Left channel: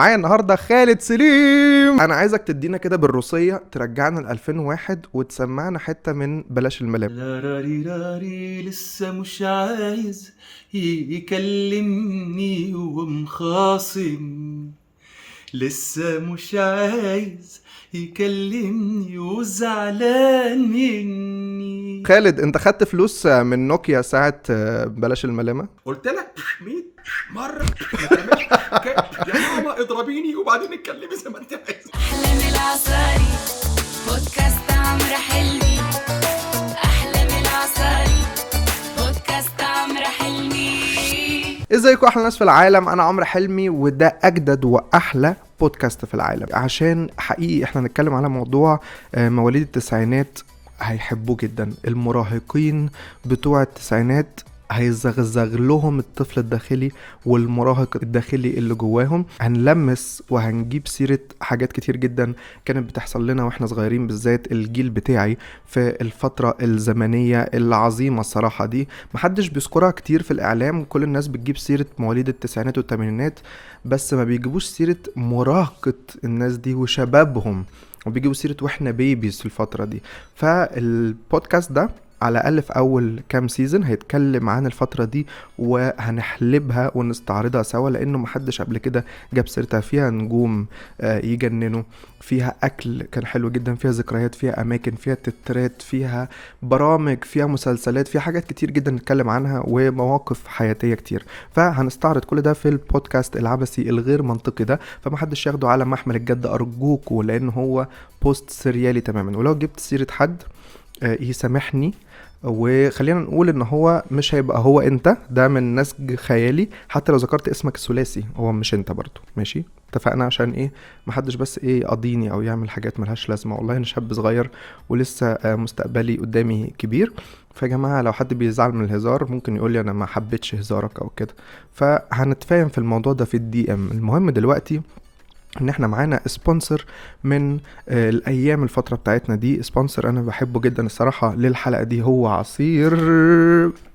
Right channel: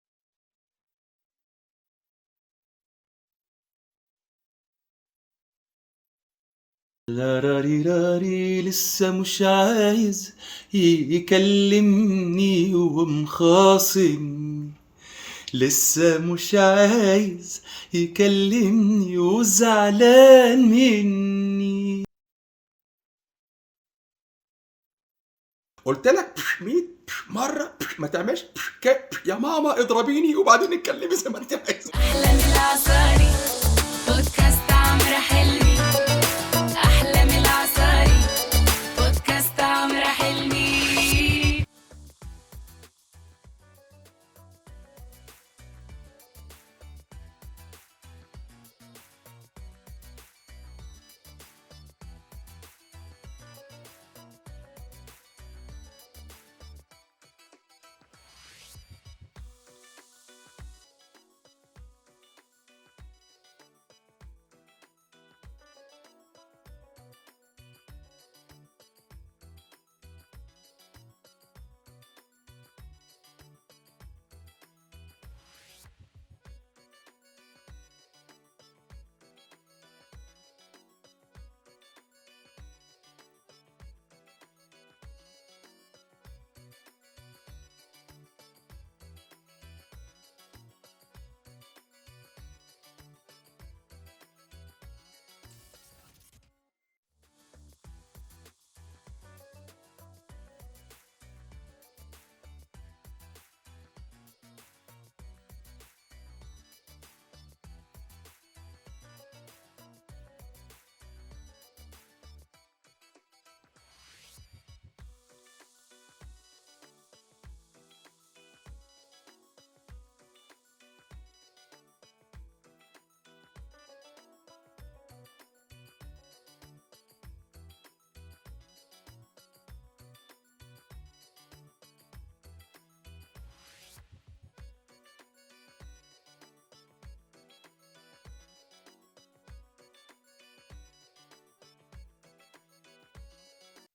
معايا النهارده خالد سليم. انا عايزك تدينا كده بالروسيه، ترجعنا ل 2001 وتسمعنا حته من بلاش الملام. لا راري راري لسه مش عايز يكلمني ومخاصم، لسه مش عايز يكلمني وزعلان مني. خالد، انت خدت فلوس من نوكيا ساعه بلاش الملامه؟ قلت لك 100 مرة ما تعملش يا ماما اضربيني وبعدين اتكلمي زي ما انت عايزة. أحلام العصاري بودكاست عمرو حلمي. أحلام العصاري بودكاست عمرو حلمي. ازيكم احلى ناس في العالم، انا عمرو حلمي وده اجدد واحلى بودكاست في العالم، عشان حقيقي احنا هنتكلم على موضوع مواليد التسعينات هيحبوه جدا. المراهقين بتوع التسعينات هيزغزغ لهم الطفل الداخلي والمراهق الداخلي اللي جواهم. هنلمس وهنجيب سيرة حاجات كتير جدا كانت بتحصل لنا واحنا صغيرين، بالذات الجيل بتاعي في الفترة الزمنية العظيمة الصراحة دي. محدش بيذكرها كتير في الإعلام، كل الناس بتجيب سيرة مواليد التسعينات والثمانينات بس ما بيجيبوش سيرة مراهقة الناس دي وشبابهم، وبيجيبوا سيرة واحنا بيبيز في الفترة دي. فالبودكاست ده على الأقل في أول كام سيزن هيتكلم عن الفترة دي وهنحلبها ونستعرضها سوا، لأنه محدش قبل كده جاب سيرتها. فيها نجوم يجننوا، فيها أكل كان حلو جدا، فيها ذكريات، فيها أماكن، فيها تترات، فيها برامج، فيها مسلسلات، فيها حاجات كتير جدا نتكلم عنها ومواقف حياتية كتير. فهنستعرض كل ده في البودكاست العبثي الغير منطقي ده، فمحدش ياخده على محمل الجد أرجوكوا، لأنه هو بوست سريالي تماما. ولو جبت سيرة حد يسامحني، وخلينا نقول ان هو مش هيبقى هو انت، ده من نسج خيالي. حتى لو ذكرت اسمك الثلاثي هو مش انت برضو، ماشي؟ اتفقنا؟ عشان ايه محدش بس ايه يقضيني او يعمل حاجات ملهاش لازمه. والله انا شاب صغير ولسه مستقبلي قدامي كبير. فيا جماعه لو حد بيزعل من الهزار ممكن يقول لي انا ما حبيتش هزارك او كده، فهنتفاهم في الموضوع ده في الدي ام. المهم دلوقتي ان احنا معانا سبونسر من الايام الفترة بتاعتنا دي. سبونسر انا بحبه جدا الصراحة للحلقة دي، هو عصير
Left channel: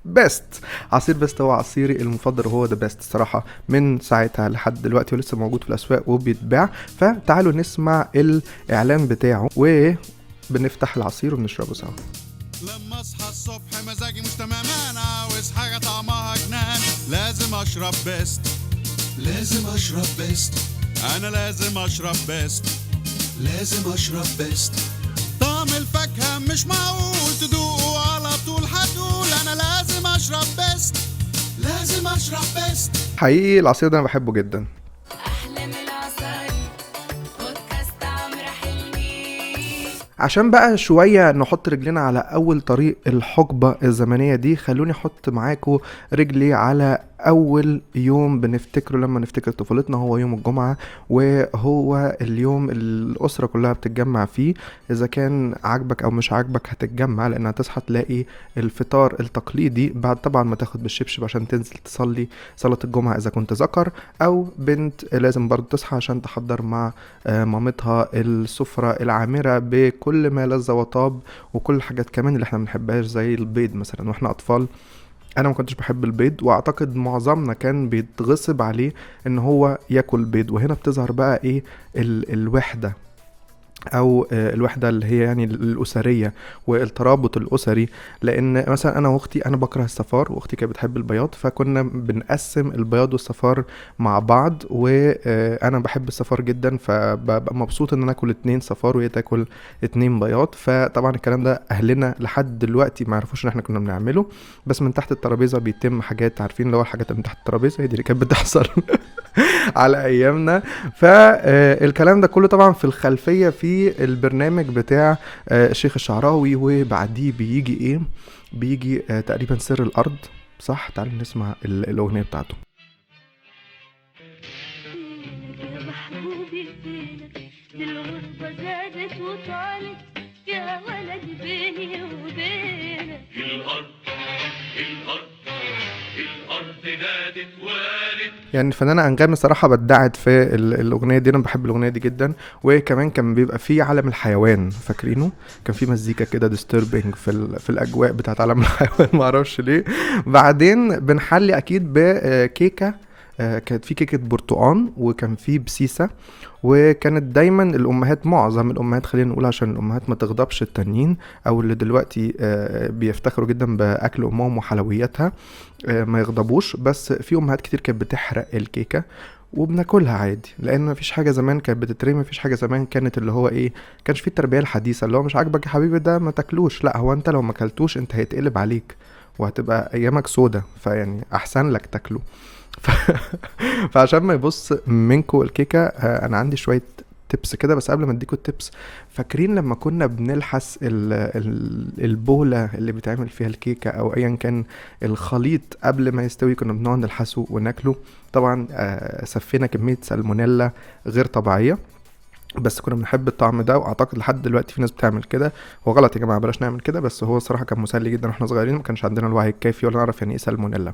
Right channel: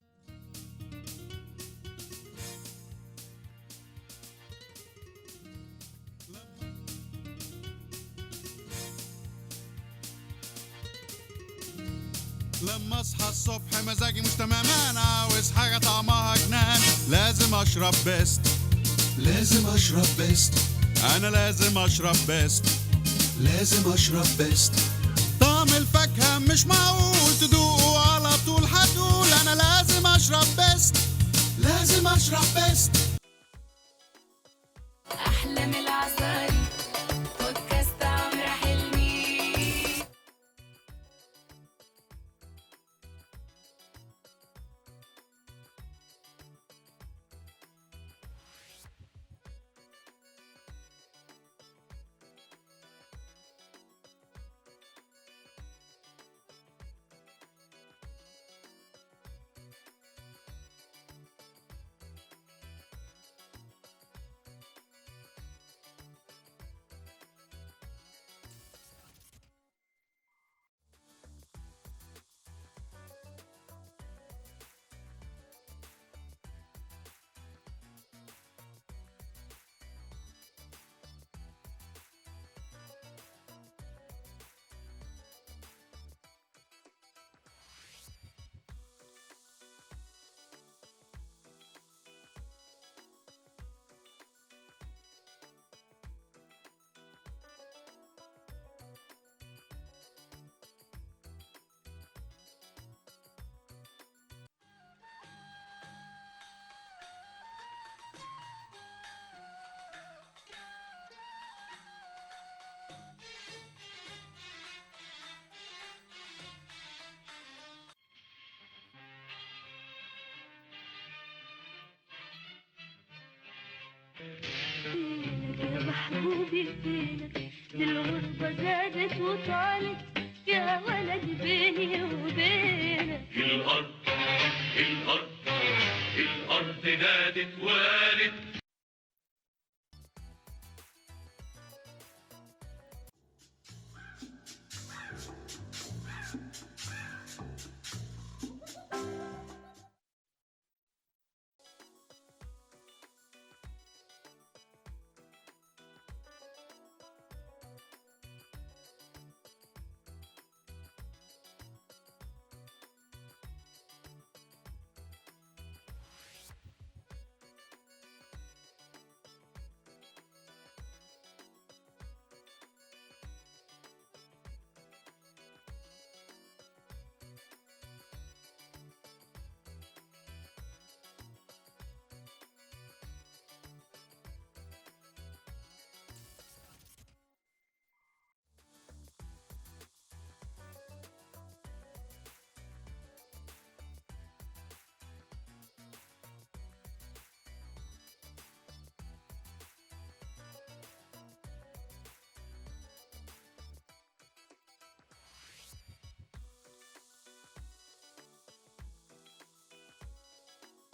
بيست. عصير بيست هو عصيري المفضل وهو ده بيست الصراحة من ساعتها لحد دلوقتي، ولسه موجود في الاسواق وبيتباع. فتعالوا نسمع الاعلان بتاعه وبنفتح العصير ونشربه سوا. لما اصحى الصبح مزاجي مش تمام، انا عاوز حاجه طعمها جنان، لازم اشرب بيست، لازم اشرب بيست، انا لازم اشرب بيست، لازم اشرب بيست. طعم الفاكهه مش معقول تدوقه على طول، هتقول انا لازم اشرب بيست، لازم اشرب بيست. حقيقي العصير ده انا بحبه جدا. أحلام العصاري بودكاست عمرو حلمي. عشان بقى شوية نحط رجلنا على أول طريق الحقبة الزمنية دي، خلوني أحط معاكم رجلي على أول يوم بنفتكره لما نفتكر طفولتنا، هو يوم الجمعة. وهو اليوم الأسرة كلها بتتجمع فيه، إذا كان عاجبك أو مش عاجبك هتتجمع، لأن هتصحى تلاقي الفطار التقليدي بعد طبعا ما تاخد بالشبشب عشان تنزل تصلي صلاة الجمعة إذا كنت ذكر، أو بنت لازم برضو تصحى عشان تحضر مع مامتها السفرة العامرة بكل ما لذ وطاب وكل الحاجات كمان اللي احنا منحبهاش زي البيض مثلا واحنا أطفال. انا ما كنتش بحب البيض، واعتقد معظمنا كان بيتغصب عليه ان هو ياكل بيض. وهنا بتظهر بقى ايه الوحدة، او الوحدة اللي هي يعني الاسرية والترابط الاسري. لان مثلا انا واختي، انا بكره الصفار واختي كانت بتحب البياض، فكنا بنقسم البياض والصفار مع بعض، وانا بحب الصفار جدا فببقى مبسوط ان انا اكل 2 صفار وهي تاكل 2 بياض. فطبعا الكلام ده اهلنا لحد دلوقتي ما يعرفوش ان احنا كنا بنعمله، بس من تحت الترابيزة بيتم حاجات، عارفين اللي هو الحاجات اللي من تحت الترابيزة هي دي اللي كانت بتحصل على ايامنا. فالكلام ده كله طبعا في الخلفية في البرنامج بتاع الشيخ الشعراوي، وبعديه بيجي ايه؟ بيجي تقريبا سر الارض، صح؟ تعالوا نسمع الاغنية بتاعته. يا محبوبي فينك دي الغربة زادت وطالت يا ولد بيني وبينك. الارض نادت والد. يعني الفنانة أنغام صراحة بدعت في الأغنية دي، أنا بحب الأغنية دي جدا. وكمان كان بيبقى فيه عالم الحيوان، فاكرينه؟ كان فيه مزيكا كده disturbing في الأجواء بتاعت عالم الحيوان معرفش ليه. بعدين بنحلي أكيد بكيكة كانت في كيكه برتقان وكان في بسيسه. وكانت دايما الامهات، معظم الامهات خلينا نقول عشان الامهات ما تغضبش التانيين او اللي دلوقتي بيفتخروا جدا باكل امهم وحلوياتها ما يغضبوش، بس في امهات كتير كانت بتحرق الكيكه وبناكلها عادي، لان مفيش حاجه زمان كانت بتترمي، مفيش حاجه زمان كانت اللي هو ايه، كانش في التربيه الحديثه اللي هو مش عاجبك يا حبيبي ده ما تاكلوش، لا هو انت لو ما اكلتوش انت هيتقلب عليك وهتبقى ايامك سودا، فيعني احسن لك تاكله. ف... فعشان ما يبص منكو الكيكه انا عندي شويه تبس كده. بس قبل ما اديكوا التبس، فاكرين لما كنا بنلحس البولة اللي بتعمل فيها الكيكة او ايا كان الخليط قبل ما يستوي، كنا بنقعد نلحسه وناكله. طبعا سفينا كمية سالمونيلا غير طبيعية، بس كنا بنحب الطعم ده، واعتقد لحد دلوقتي في ناس بتعمل كده. هو غلط يا جماعة، بلاش نعمل كده، بس هو صراحة كان مسلي جدا واحنا صغيرين، ما كانش عندنا الوعي الكافي ولا نعرف يعني ايه سالمونيلا.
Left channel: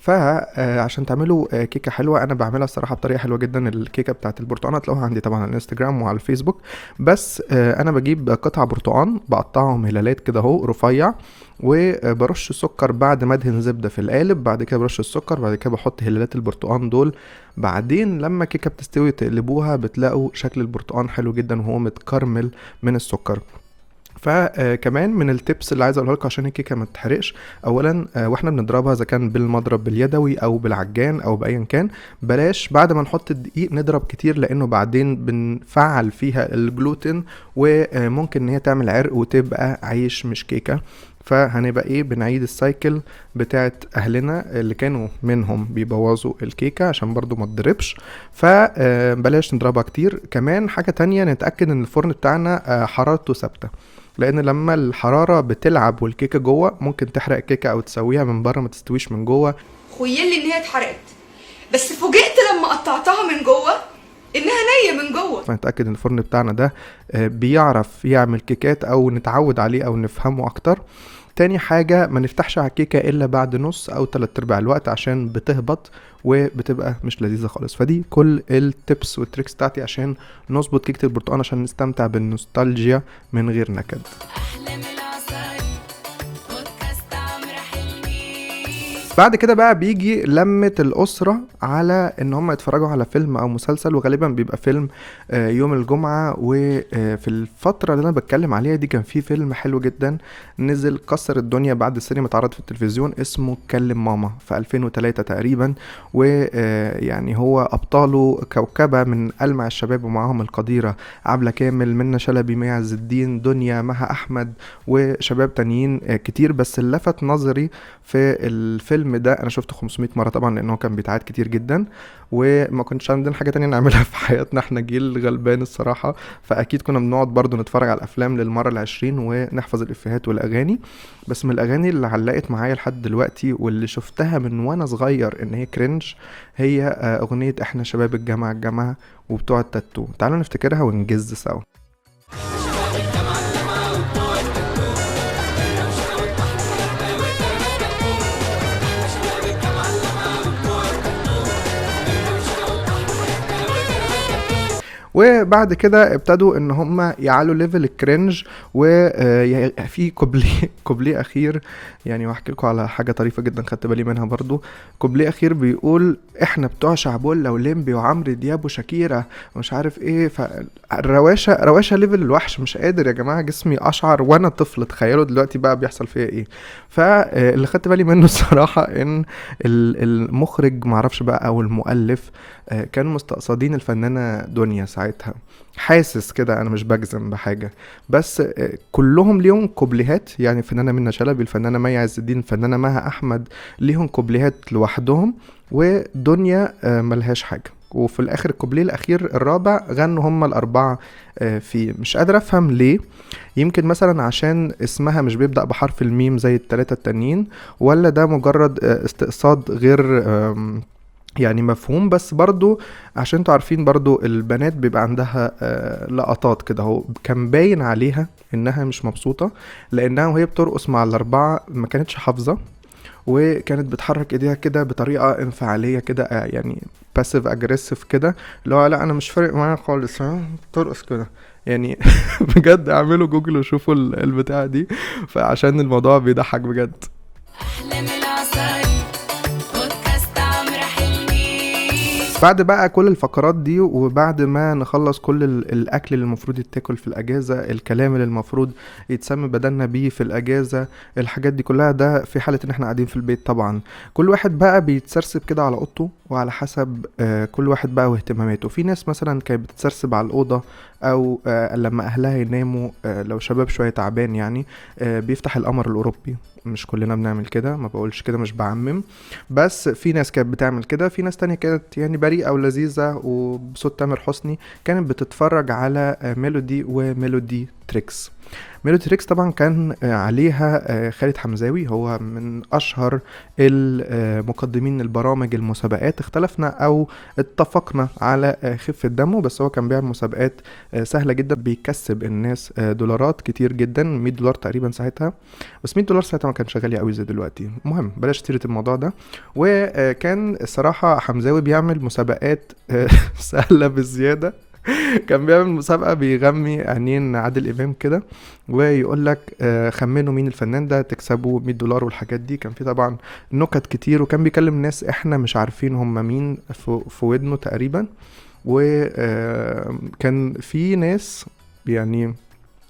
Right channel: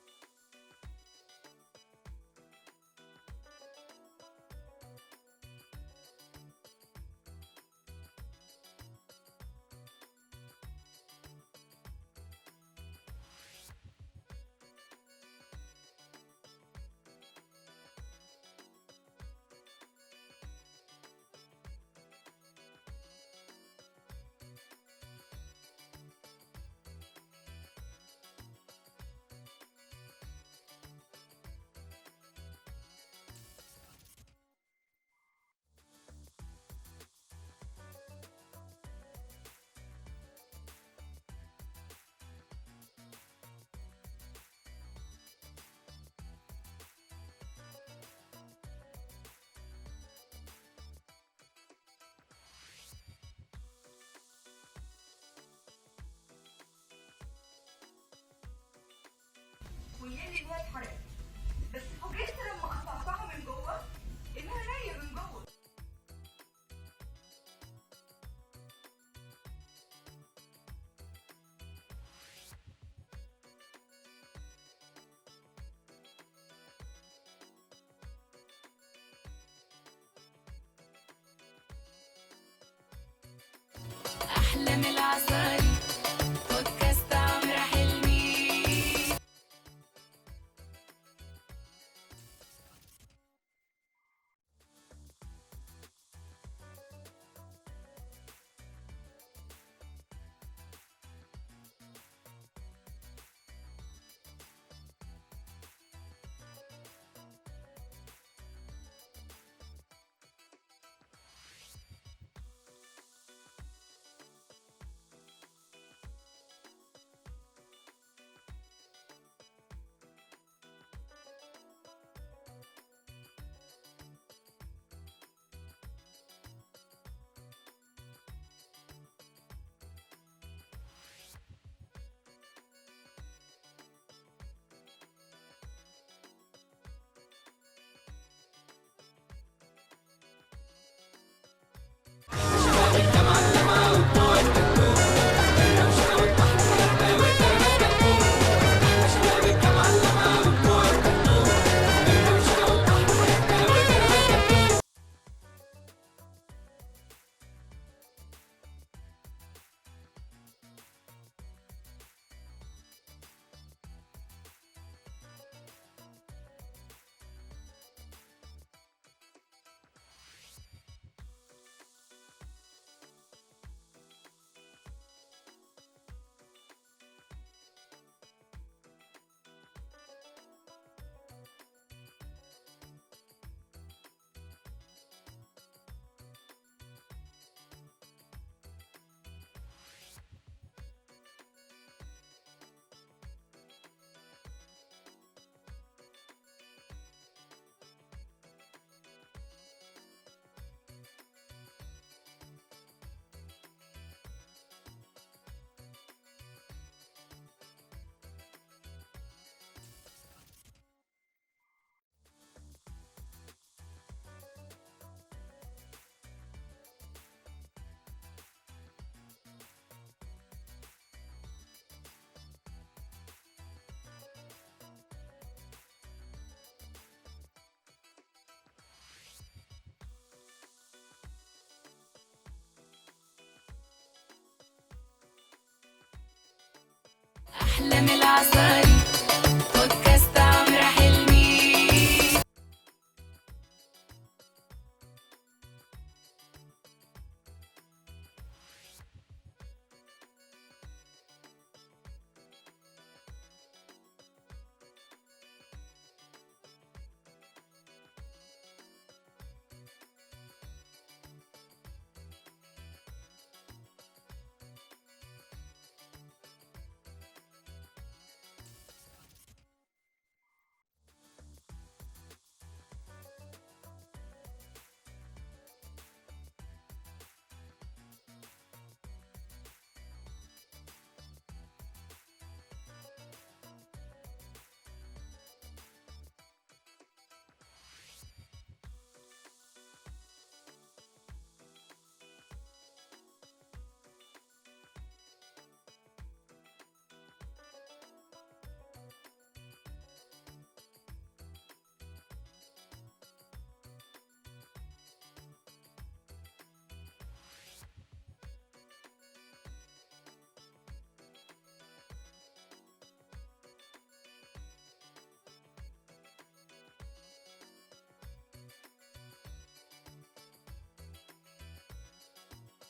فعشان تعملوا كيكه حلوه، انا بعملها الصراحه بطريقه حلوه جدا. الكيكه بتاعت البرتقال هتلاقوها عندي طبعا على الانستجرام وعلى الفيسبوك. بس انا بجيب قطع برتقال بقطعهم هلالات كده اهو رفيع، وبرش السكر بعد ما ادهن زبده في القالب، بعد كده برش السكر، بعد كده بحط هلالات البرتقال دول. بعدين لما الكيكه بتستوي تقلبوها بتلاقوا شكل البرتقال حلو جدا وهو متكرمل من السكر. فكمان من التبس اللي عايز اقولها لكم عشان الكيكه ما تتحرقش، اولا واحنا بنضربها اذا كان بالمضرب باليدوي او بالعجان او بايا كان، بلاش بعد ما نحط الدقيق نضرب كتير، لانه بعدين بنفعل فيها الجلوتين وممكن ان هي تعمل عرق وتبقى عيش مش كيكه. فهنبقى ايه، بنعيد السايكل بتاعت اهلنا اللي كانوا منهم بيبوظوا الكيكه عشان برضو ما تضربش. فبلاش نضربها كتير. كمان حاجه تانية، نتاكد ان الفرن بتاعنا حرارته ثابته، لان لما الحراره بتلعب والكيكه جوه ممكن تحرق الكيكه او تسويها من بره ما تستويش من جوه. خيل لي ان هي اتحرقت، بس فوجئت لما قطعتها من جوه انها نيه من جوه. فنتاكد ان الفرن بتاعنا ده بيعرف يعمل كيكات او نتعود عليه او نفهمه اكتر. تاني حاجة، ما نفتحش على الكيكة إلا بعد نص أو 3/4 الوقت عشان بتهبط وبتبقى مش لذيذة خالص. فدي كل التبس والتريكس بتاعتي عشان نظبط كيكة البرتقال، عشان نستمتع بالنوستالجيا من غير نكد. بعد كده بقى بيجي لمة الأسرة على ان هم يتفرجوا على فيلم او مسلسل، وغالبا بيبقى فيلم يوم الجمعة. وفي الفترة اللي انا بتكلم عليها دي كان في فيلم حلو جدا نزل كسر الدنيا بعد السينما، اتعرض في التلفزيون، اسمه كلم ماما في 2003 تقريبا. ويعني هو ابطاله كوكبة من ألمع الشباب، ومعاهم القديرة عبلة كامل، منى شلبي، مي عز الدين، دنيا، مها احمد، وشباب تانيين كتير. بس اللي لفت نظري في الفيلم ده، انا شفته 500 مرة طبعا لانه كان بيتعاد كتير جدا، وما كنتش عندنا حاجة تانية نعملها في حياتنا، احنا جيل غلبان الصراحة، فاكيد كنا بنقعد برضو نتفرج على الافلام للمرة 20 ونحفظ الافيهات والاغاني. بس من الاغاني اللي علقت معايا لحد دلوقتي واللي شفتها من وانا صغير ان هي كرنج، هي اغنية احنا شباب الجامعة الجامعة وبتوع التاتو. تعالوا نفتكرها ونجز سوا. وبعد كده ابتدوا ان هم يعلوا ليفل الكرنج، وفي كوبليه اخير يعني، واحكي لكم على حاجه طريفه جدا خدت بالي منها برضو. كوبليه اخير بيقول احنا بتوع شعبولة وليمبي وعمرو دياب وشاكيرا ومش عارف ايه. فالرواشة ليفل الوحش، مش قادر يا جماعه، جسمي اشعر وانا طفل، تخيلوا دلوقتي بقى بيحصل فيها ايه. فاللي خدت بالي منه الصراحه ان المخرج معرفش بقى او المؤلف كانوا مستقصدين الفنانة دنيا ساعتها، حاسس كده، انا مش بجزم بحاجة، بس كلهم ليهم كوبليهات. يعني الفنانة منى شلبي، الفنانة مي عز الدين، الفنانة مها احمد ليهم كوبليهات لوحدهم، ودنيا ملهاش حاجة. وفي الاخر الكوبليه الاخير الرابع غنوا هم الاربعة فيه. مش قادر افهم ليه، يمكن مثلا عشان اسمها مش بيبدأ بحرف الميم زي التلاتة التانيين، ولا ده مجرد استقصاد غير يعني مفهوم. بس برضو عشان انتوا عارفين برضو البنات بيبقى عندها لقطات كده، هو كان باين عليها انها مش مبسوطة، لانها وهي بترقص مع الاربعة ما كانتش حافظة، وكانت بتحرك ايديها كده بطريقة انفعالية كده، يعني باسيف اجريسيف كده، اللي هو لا انا مش فارق معايا خالص، ترقص كده يعني. بجد اعملوا جوجل وشوفوا البتاعة دي، فعشان الموضوع بيضحك بجد. أحلى من العسل بودكاست عمرو حلمي. بعد بقى كل الفقرات دي وبعد ما نخلص كل الاكل اللي المفروض يتاكل في الاجازه، الكلام اللي المفروض يتسمى بدلنا بيه في الاجازه، الحاجات دي كلها، ده في حاله ان احنا قاعدين في البيت طبعا. كل واحد بقى بيتسرسب كده على اوضته وعلى حسب كل واحد بقى واهتماماته. في ناس مثلا كانت بتتسرسب على الاوضه او لما اهلها يناموا، لو شباب شويه تعبان يعني بيفتح القمر الاوروبي. مش كلنا بنعمل كده، ما بقولش كده، مش بعمم، بس في ناس كانت بتعمل كده. في ناس تانية كانت يعني بريئة ولذيذة وبصوت تامر حسني كانت بتتفرج على ميلودي وميلودي تريكس. ميلودي تريكس طبعا كان عليها خالد حمزاوي، هو من اشهر المقدمين البرامج المسابقات. اختلفنا او اتفقنا على خفة دمه، بس هو كان بيعمل مسابقات سهلة جدا، بيكسب الناس دولارات كتير جدا، $100 تقريبا ساعتها، بس $100 ساعتها ما كانش غالي قوي زي دلوقتي. المهم بلاش تيرة الموضوع ده. وكان الصراحة حمزاوي بيعمل مسابقات سهلة بزيادة. كان بيعمل مسابقة بيغمي عينين عادل إمام كده ويقول لك خمنوا مين الفنان ده تكسبوا $100 والحاجات دي. كان في طبعا نكت كتير، وكان بيكلم ناس احنا مش عارفين هم مين في ودنه تقريبا. وكان في ناس يعني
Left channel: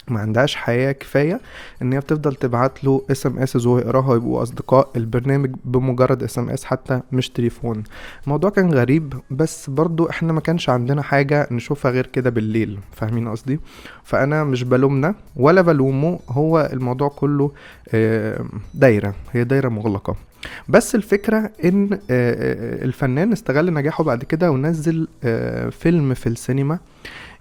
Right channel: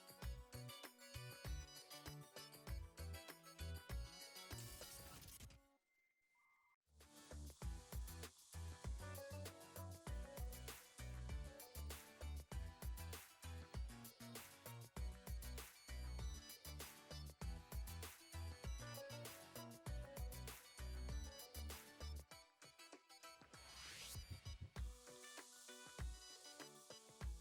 ما عندهاش حياة كفاية ان هي بتفضل تبعت له SMS وهو يقراها ويبقوا اصدقاء البرنامج بمجرد SMS حتى مش تليفون. الموضوع كان غريب، بس برضو احنا ما كانش عندنا حاجة نشوفها غير كده بالليل، فاهمين قصدي؟ فانا مش بلومنا ولا بلومه، هو الموضوع كله دايرة، هي دايرة مغلقة. بس الفكرة ان الفنان استغل نجاحه بعد كده ونزل فيلم في السينما.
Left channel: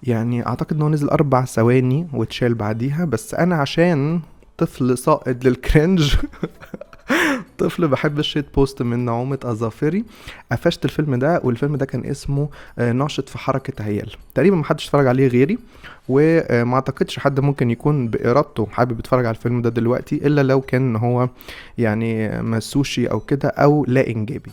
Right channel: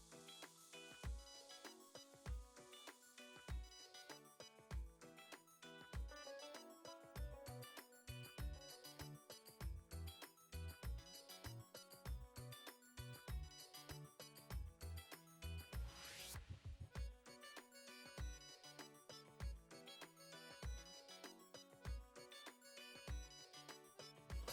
يعني اعتقد انه نزل 4 ثواني واتشال بعديها، بس انا عشان طفل ساقط للكرنج طفل بحب الشيت بوست من نعومة اظافري، قفشت الفيلم ده. والفيلم ده كان اسمه ناشط في حركة عيال. تقريبا محدش اتفرج عليه غيري، وما اعتقدش حد ممكن يكون بإرادته حابب يتفرج على الفيلم ده دلوقتي، الا لو كان هو يعني مسوشي او كده او لا انجابي.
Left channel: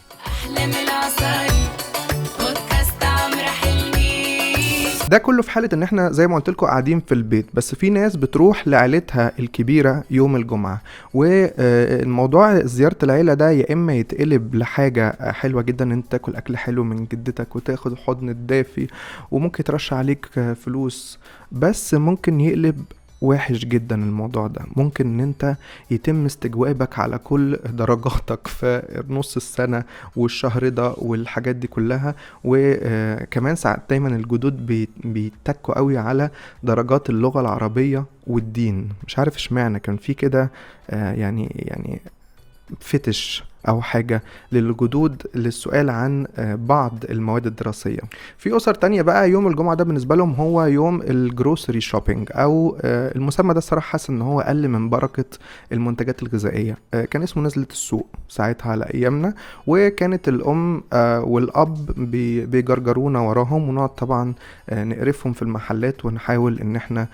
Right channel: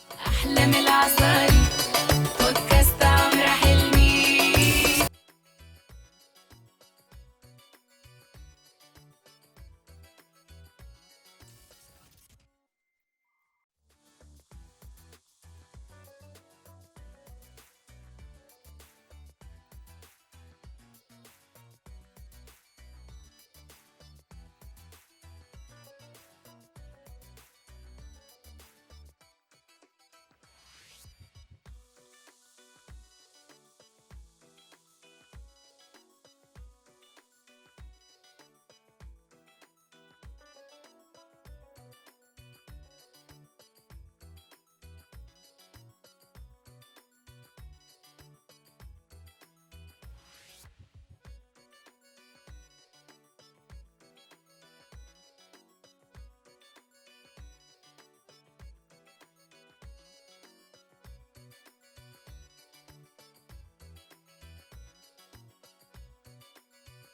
ده كله في حالة ان احنا زي ما قلت لكم قاعدين في البيت. بس في ناس بتروح لعيلتها الكبيرة يوم الجمعة، والموضوع زيارة العيلة ده يا اما يتقلب لحاجة حلوة جدا، ان انت تاكل اكل حلو من جدتك وتاخد الحضن الدافي وممكن يترش عليك فلوس، بس ممكن يقلب وحش جدا. الموضوع ده ممكن ان انت يتم استجوابك على كل درجاتك في نص السنة والشهر ده والحاجات دي كلها. وكمان ساعات دايما الجدود بيتكوا قوي على درجات اللغة العربية والدين، مش عارف اشمعنى كان في كده يعني فتش او حاجة للجدود للسؤال عن بعض المواد الدراسية. في اسر تانية بقى يوم الجمعة ده بالنسبة لهم هو يوم الجروسري شوبينج، او المسمى ده الصراحة حاسس ان هو اقل من بركة المنتجات الغذائية. كان اسمه نزلة السوق ساعتها على ايامنا، وكانت الام والاب بيجرجرونا وراهم، ونقعد طبعا نقرفهم في المحلات ونحاول ان احنا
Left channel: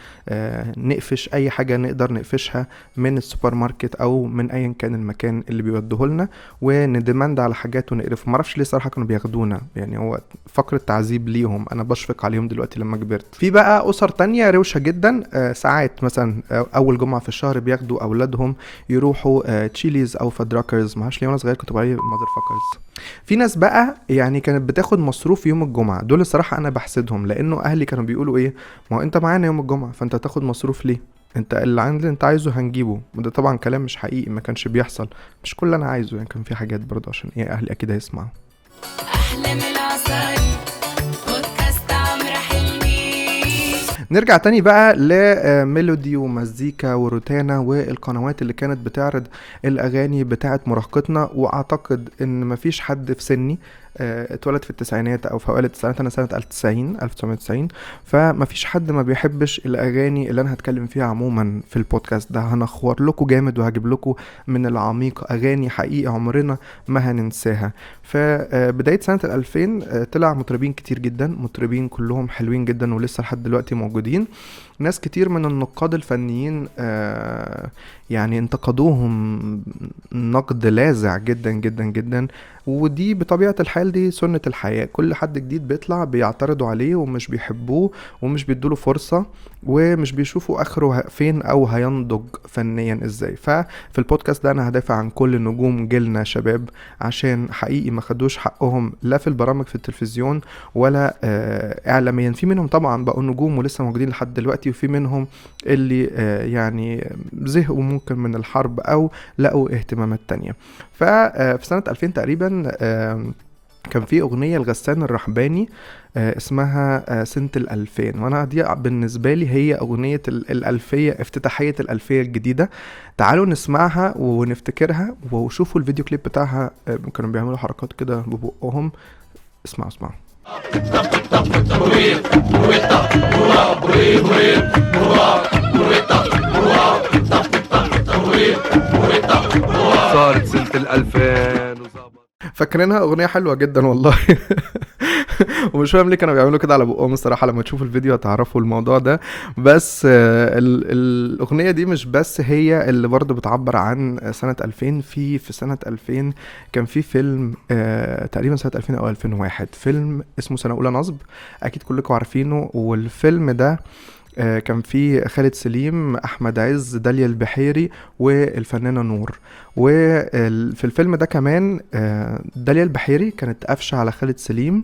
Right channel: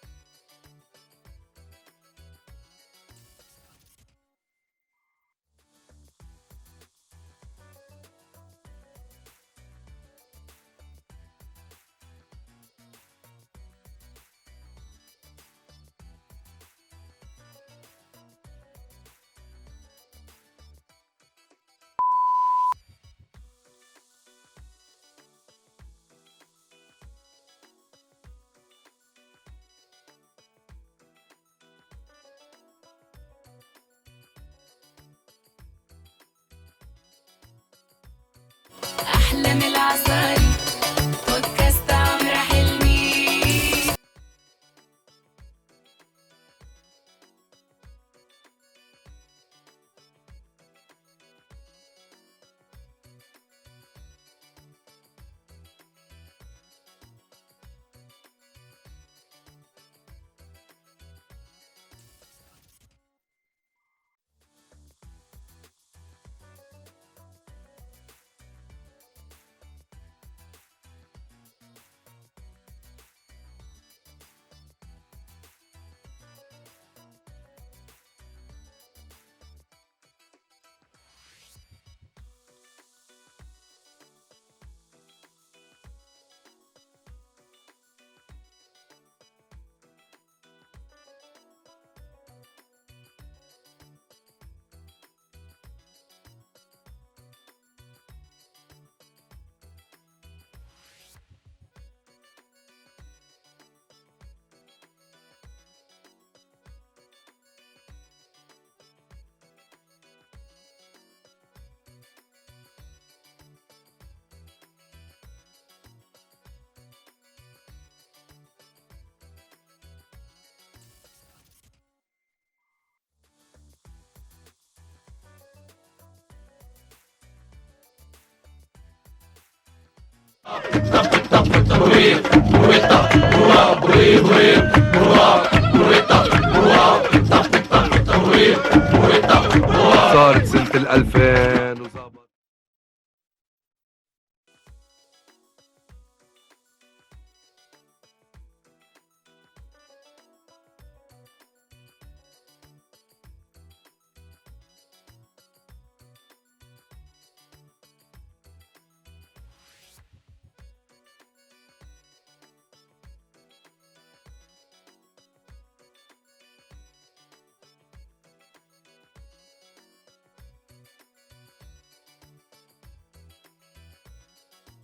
نقفش اي حاجة نقدر نقفشها من السوبر ماركت او من ايا كان المكان اللي بيوديه لنا، وندمند على حاجات ونقرفهم. معرفش ليه صراحة كانوا بياخدونا، يعني هو فقرة تعذيب ليهم، انا بشفق عليهم دلوقتي لما كبرت. في بقى اسر تانية روشة جدا، ساعات مثلا اول جمعة في الشهر بياخدوا اولادهم يروحوا تشيليز او فادراكرز، معرفش ليه وانا صغير كنت بقول مادر فاكرز. في ناس بقى يعني كانت بتاخد مصروف يوم الجمعة، دول الصراحة انا بحسدهم، لانه اهلي كانوا بيقولوا ايه، ما هو انت معانا يوم الجمعة فانت تاخد مصروف ليه، انت اللي عندي انت عايزه هنجيبه. وده طبعا كلام مش حقيقي، ما كانش بيحصل، مش كل انا عايزه يعني، كان في حاجات برضه عشان ايه اهلي اكيد هيسمعوا. نرجع تاني بقى لميلودي ومزيكا وروتانا والقنوات اللي كانت بتعرض الاغاني بتاعت مراهقتنا. واعتقد ان مفيش حد في سني اتولد في التسعينات او في اوائل التسعينات، انا سنة 1990، فما فيش حد ما بيحبش الاغاني اللي انا هتكلم فيها عموما في البودكاست ده. هنخور لكم جامد وهجيب لكم من العميق اغاني حقيقة عمرنا ما هننساها. فبداية سنة 2000 طلع مطربين كتير جدا، مطربين كلهم حلوين جدا ولسه لحد دلوقتي موجودين. ناس كتير من النقاد الفنيين يعني انتقدوهم نقد لاذع جدا جدا جدا، ودي بطبيعة الحال تخيل دي سنة الحياة، كل حد جديد بيطلع بيعترضوا عليه ومش بيحبوه ومش بيدوله فرصة ومش بيشوفوا اخره فين او هينضج فنيا ازاي. ففي البودكاست ده انا هدافع عن كل نجوم جيلنا شباب، عشان حقيقي ما خدوش حقهم لا في البرامج في التلفزيون ولا اعلاميا. في منهم طبعا بقوا نجوم ولسه موجودين لحد دلوقتي، وفي منهم اللي يعني زهقوا ممكن من الحرب او لقوا اهتمامات تانية. ففي سنة 2000 تقريبا كان في اغنية لغسان الرحباني اسمها سنة 2000، وانا دي بالنسبة لي هي اغنية الالفية، افتتاحية الالفية الجديدة. تعالوا نسمعها ونفتكرها، وشوفوا الفيديو كليب بتاعها كانوا بيعملوا حركات كده ببقهم. اسمعوا. صارت سنة 2000 وظبط. فاكرينها؟ اغنيه حلوه جدا والله. ومش فاهم ليه كانوا بيعملوا كده على بقهم الصراحه، لما تشوفوا الفيديو هتعرفوا الموضوع ده. بس الاغنيه دي مش بس هي اللي برضه بتعبر عن سنه 2000. في سنه 2000 كان في فيلم تقريبا سنه 2000 او 2001، فيلم اسمه سنه اولى نصب، اكيد كلكم عارفينه. والفيلم ده كان فيه خالد سليم، احمد عز، داليا البحيري والفنانه نور. وفي الفيلم ده كمان داليا البحيري كانت قافشه على خالد سليم،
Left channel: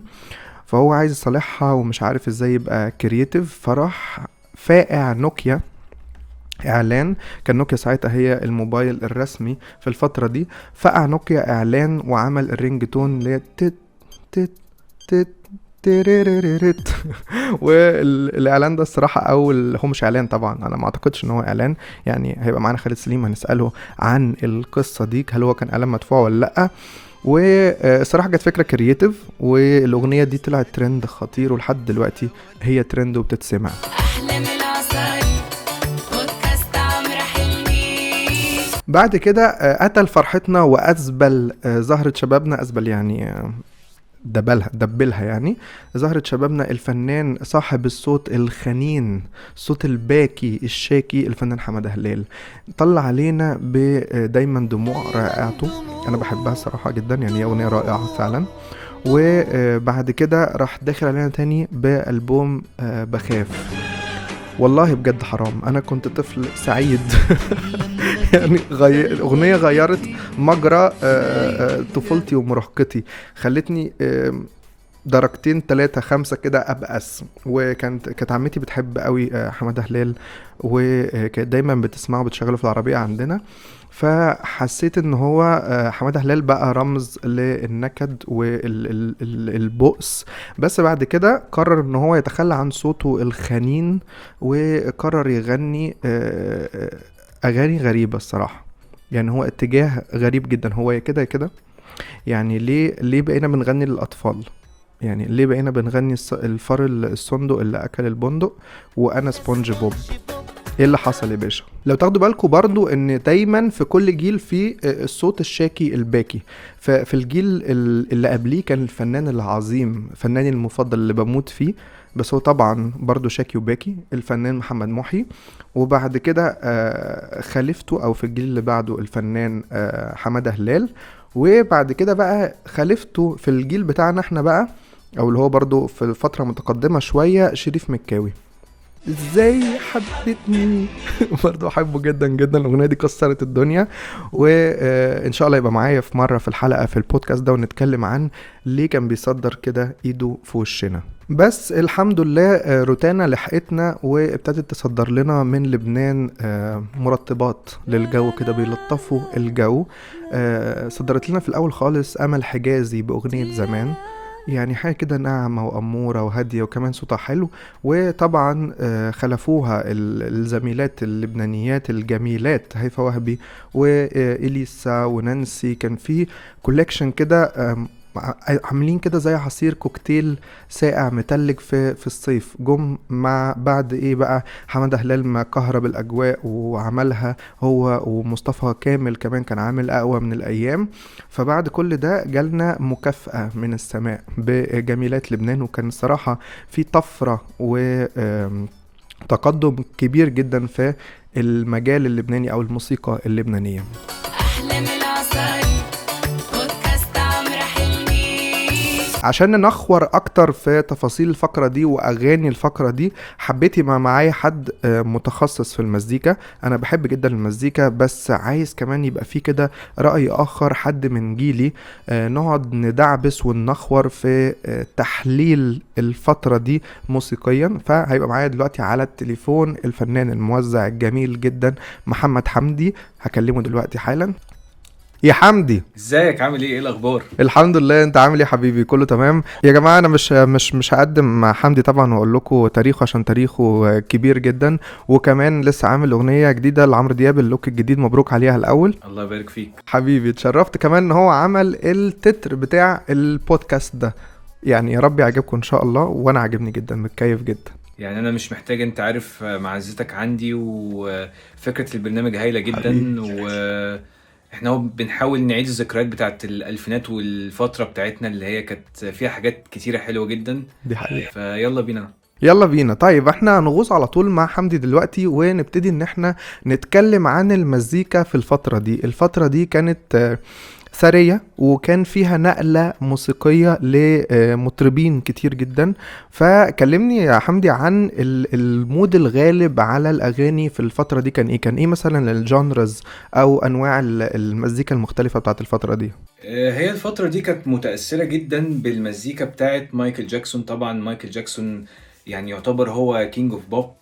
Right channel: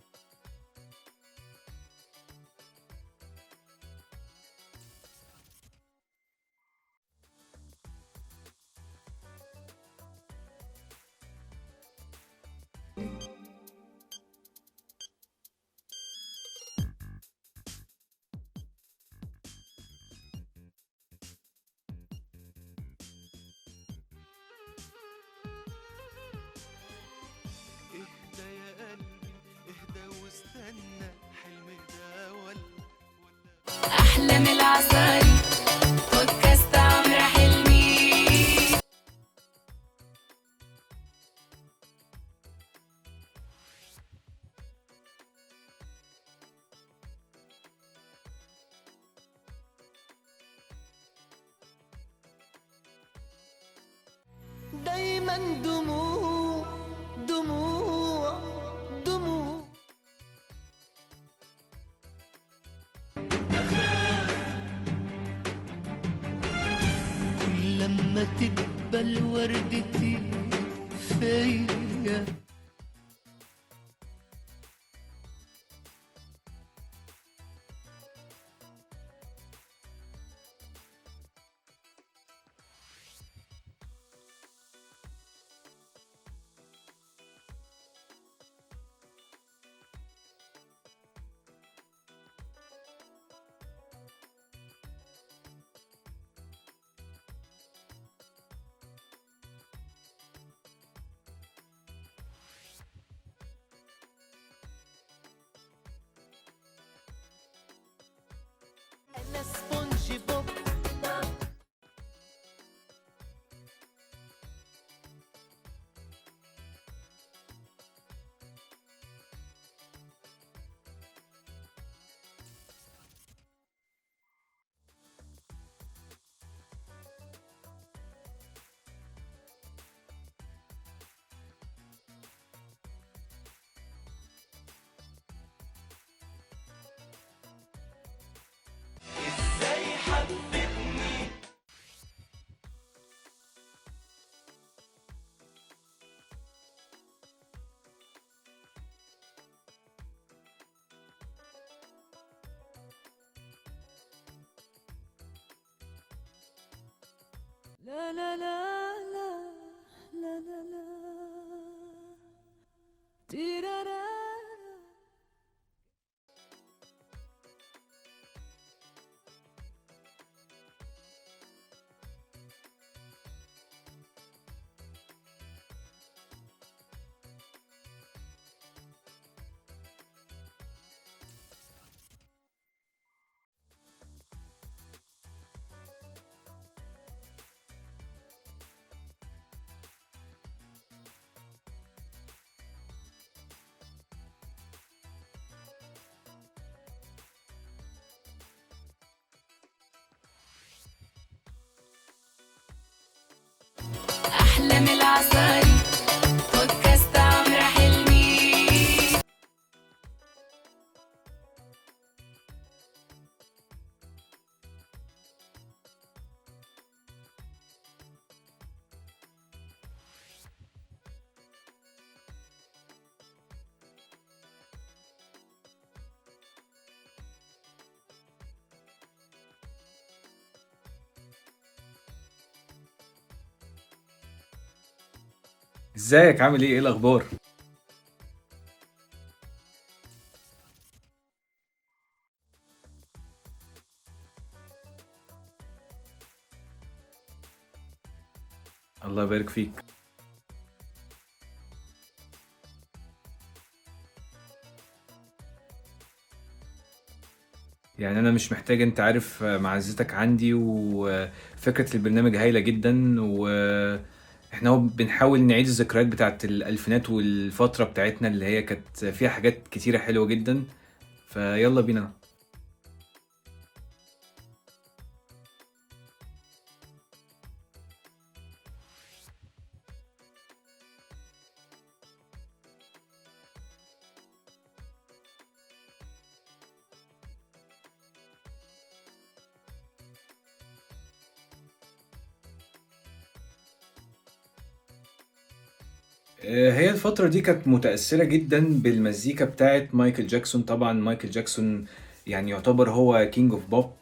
فهو عايز يصالحها ومش عارف ازاي يبقى كرييتيف، فراح فاقع نوكيا اعلان. كان نوكيا ساعتها هي الموبايل الرسمي في الفتره دي، فقع نوكيا اعلان وعمل الرينج تون اللي هي تت تت تت تيريريريت. والاعلان ده الصراحه هو مش اعلان طبعا، انا ما اعتقدش ان هو اعلان، يعني هيبقى معانا خالد سليم هنساله عن القصه دي هل هو كان اعلان مدفوع ولا لا. والصراحه كانت فكره كرييتيف، والاغنيه دي طلعت ترند خطير، ولحد دلوقتي هي ترند وبتتسمع. بعد كده قتل فرحتنا وأزبل زهرة شبابنا، أزبل يعني دبلها يعني، زهرة شبابنا الفنان صاحب الصوت الخنين، الصوت الباكي الشاكي، الفنان حمادة هلال. طلع علينا بدايما دموع رائعته، انا بحبها صراحة جدا، يعني اغنية رائعة فعلا. وبعد كده راح داخل علينا تاني بألبوم بخاف. والله بجد حرام، انا كنت طفل سعيد. يعني الاغنيه غيرت مجرى طفولتي ومراهقتي، خلتني درجتين 3 5 كده ابأس. وكانت عمتي بتحب قوي حمادة هلال، وكانت دايما بتسمعه بتشغله في العربيه عندنا، فحسيت ان هو حمادة هلال بقى رمز للنكد والبؤس. بس بعد كده قرر ان هو يتخلى عن صوته الخنين، وقرر يغني اغاني غريبة الصراحة. يعني هو اتجاه غريب جدا، هو كده يعني ليه بقينا بنغني للاطفال؟ يعني ليه بقينا بنغني الفار الصندوق اللي اكل البندق وانا سبونج بوب؟ ايه اللي حصل يا باشا؟ لو تاخدوا بالكم برضو ان دايما في كل جيل في الصوت الشاكي الباكي. في الجيل اللي قبليه كان الفنان العظيم، فناني المفضل اللي بموت فيه، بس هو طبعا برضو شاكي وباكي، الفنان محمد محي. وبعد كده خليفته او في الجيل اللي بعده الفنان حمادة هلال. وبعد كده بقى خليفته في الجيل بتاعنا احنا بقى، او اللي هو برضو في فترة متقدمة شوية، شريف مكاوي. ازاي حبتني. برضو احبه جدا جدا، الاغنيه دي كسرت الدنيا. وان شاء الله يبقى معايا في مره في الحلقه في البودكاست ده، ونتكلم عن ليه كان بيصدر كده ايده في وشنا. بس الحمد لله روتانا لحقتنا وابتدت تصدر لنا من لبنان مرطبات للجو كده، بيلطفوا الجو. صدرت لنا في الاول خالص امل حجازي باغنيه زمان، يعني حاجة كده ناعمة وأمورة وهادية وكمان صوتها حلو. وطبعا خلفوها الزميلات اللبنانيات الجميلات هيفا وهبي وإليسا ونانسي. كان في كولكشن كده عاملين كده زي عصير كوكتيل ساقع متلج في الصيف. جم مع بعد ايه بقى حمادة هلال ما كهرب الاجواء وعملها هو، ومصطفى كامل كمان كان عامل اقوى من الايام. فبعد كل ده جالنا مكافأة من السماء بجميلات لبنان، وكان صراحة في طفرة وتقدم كبير جدا في المجال اللبناني او الموسيقى اللبنانية. أحلى من العسل بودكاست عمرو حلمي. عشان ننخور اكتر في تفاصيل الفقرة دي واغاني الفقرة دي، حبيت يبقى معايا حد متخصص في المزيكا. انا بحب جدا المزيكا، بس عايز كمان يبقى فيه كده رأي اخر، حد من جيلي، نقعد ندعبس وننخور في تحليل الفترة دي موسيقيا. فهيبقى معايا دلوقتي على التليفون الفنان الموزع الجميل جدا محمد حمدي، هكلمه دلوقتي حالا. يا حمدي، ازيك؟ عامل ايه الاخبار؟ الحمد لله. انت عامل ايه يا حبيبي؟ كله تمام يا جماعه. انا مش هقدم مع حمدي طبعا واقول لكم تاريخه، عشان تاريخه كبير جدا، وكمان لسه عامل اغنيه جديده لعمرو دياب، اللوك الجديد، مبروك عليها الاول. الله يبارك فيك حبيبي، اتشرفت كمان ان هو عمل التتر بتاع البودكاست ده. يعني يا رب يعجبكم ان شاء الله، وانا عاجبني جدا، متكيف جدا. يعني انا مش محتاج، انت عارف معزتك عندي، وفكره البرنامج هايله جدا، واحنا بنحاول نعيد الذكريات بتاعت الالفينات والفتره بتاعتنا اللي هي كانت فيها حاجات كتيره حلوه جدا. دي حقيقة. فيلا بينا. يلا بينا. طيب احنا هنغوص على طول مع حمدي دلوقتي، ونبتدي ان احنا نتكلم عن المزيكا في الفترة دي. الفترة دي كانت ثرية، وكان فيها نقلة موسيقية لمطربين كتير جدا. فكلمني يا حمدي عن المود الغالب على الأغاني في الفترة دي. كان ايه مثلا الجانرز أو أنواع المزيكا المختلفة بتاعت الفترة دي؟ هي الفتره دي كانت متاثره جدا بالمزيكا بتاعت مايكل جاكسون. طبعا مايكل جاكسون يعني يعتبر هو كينج اوف بوب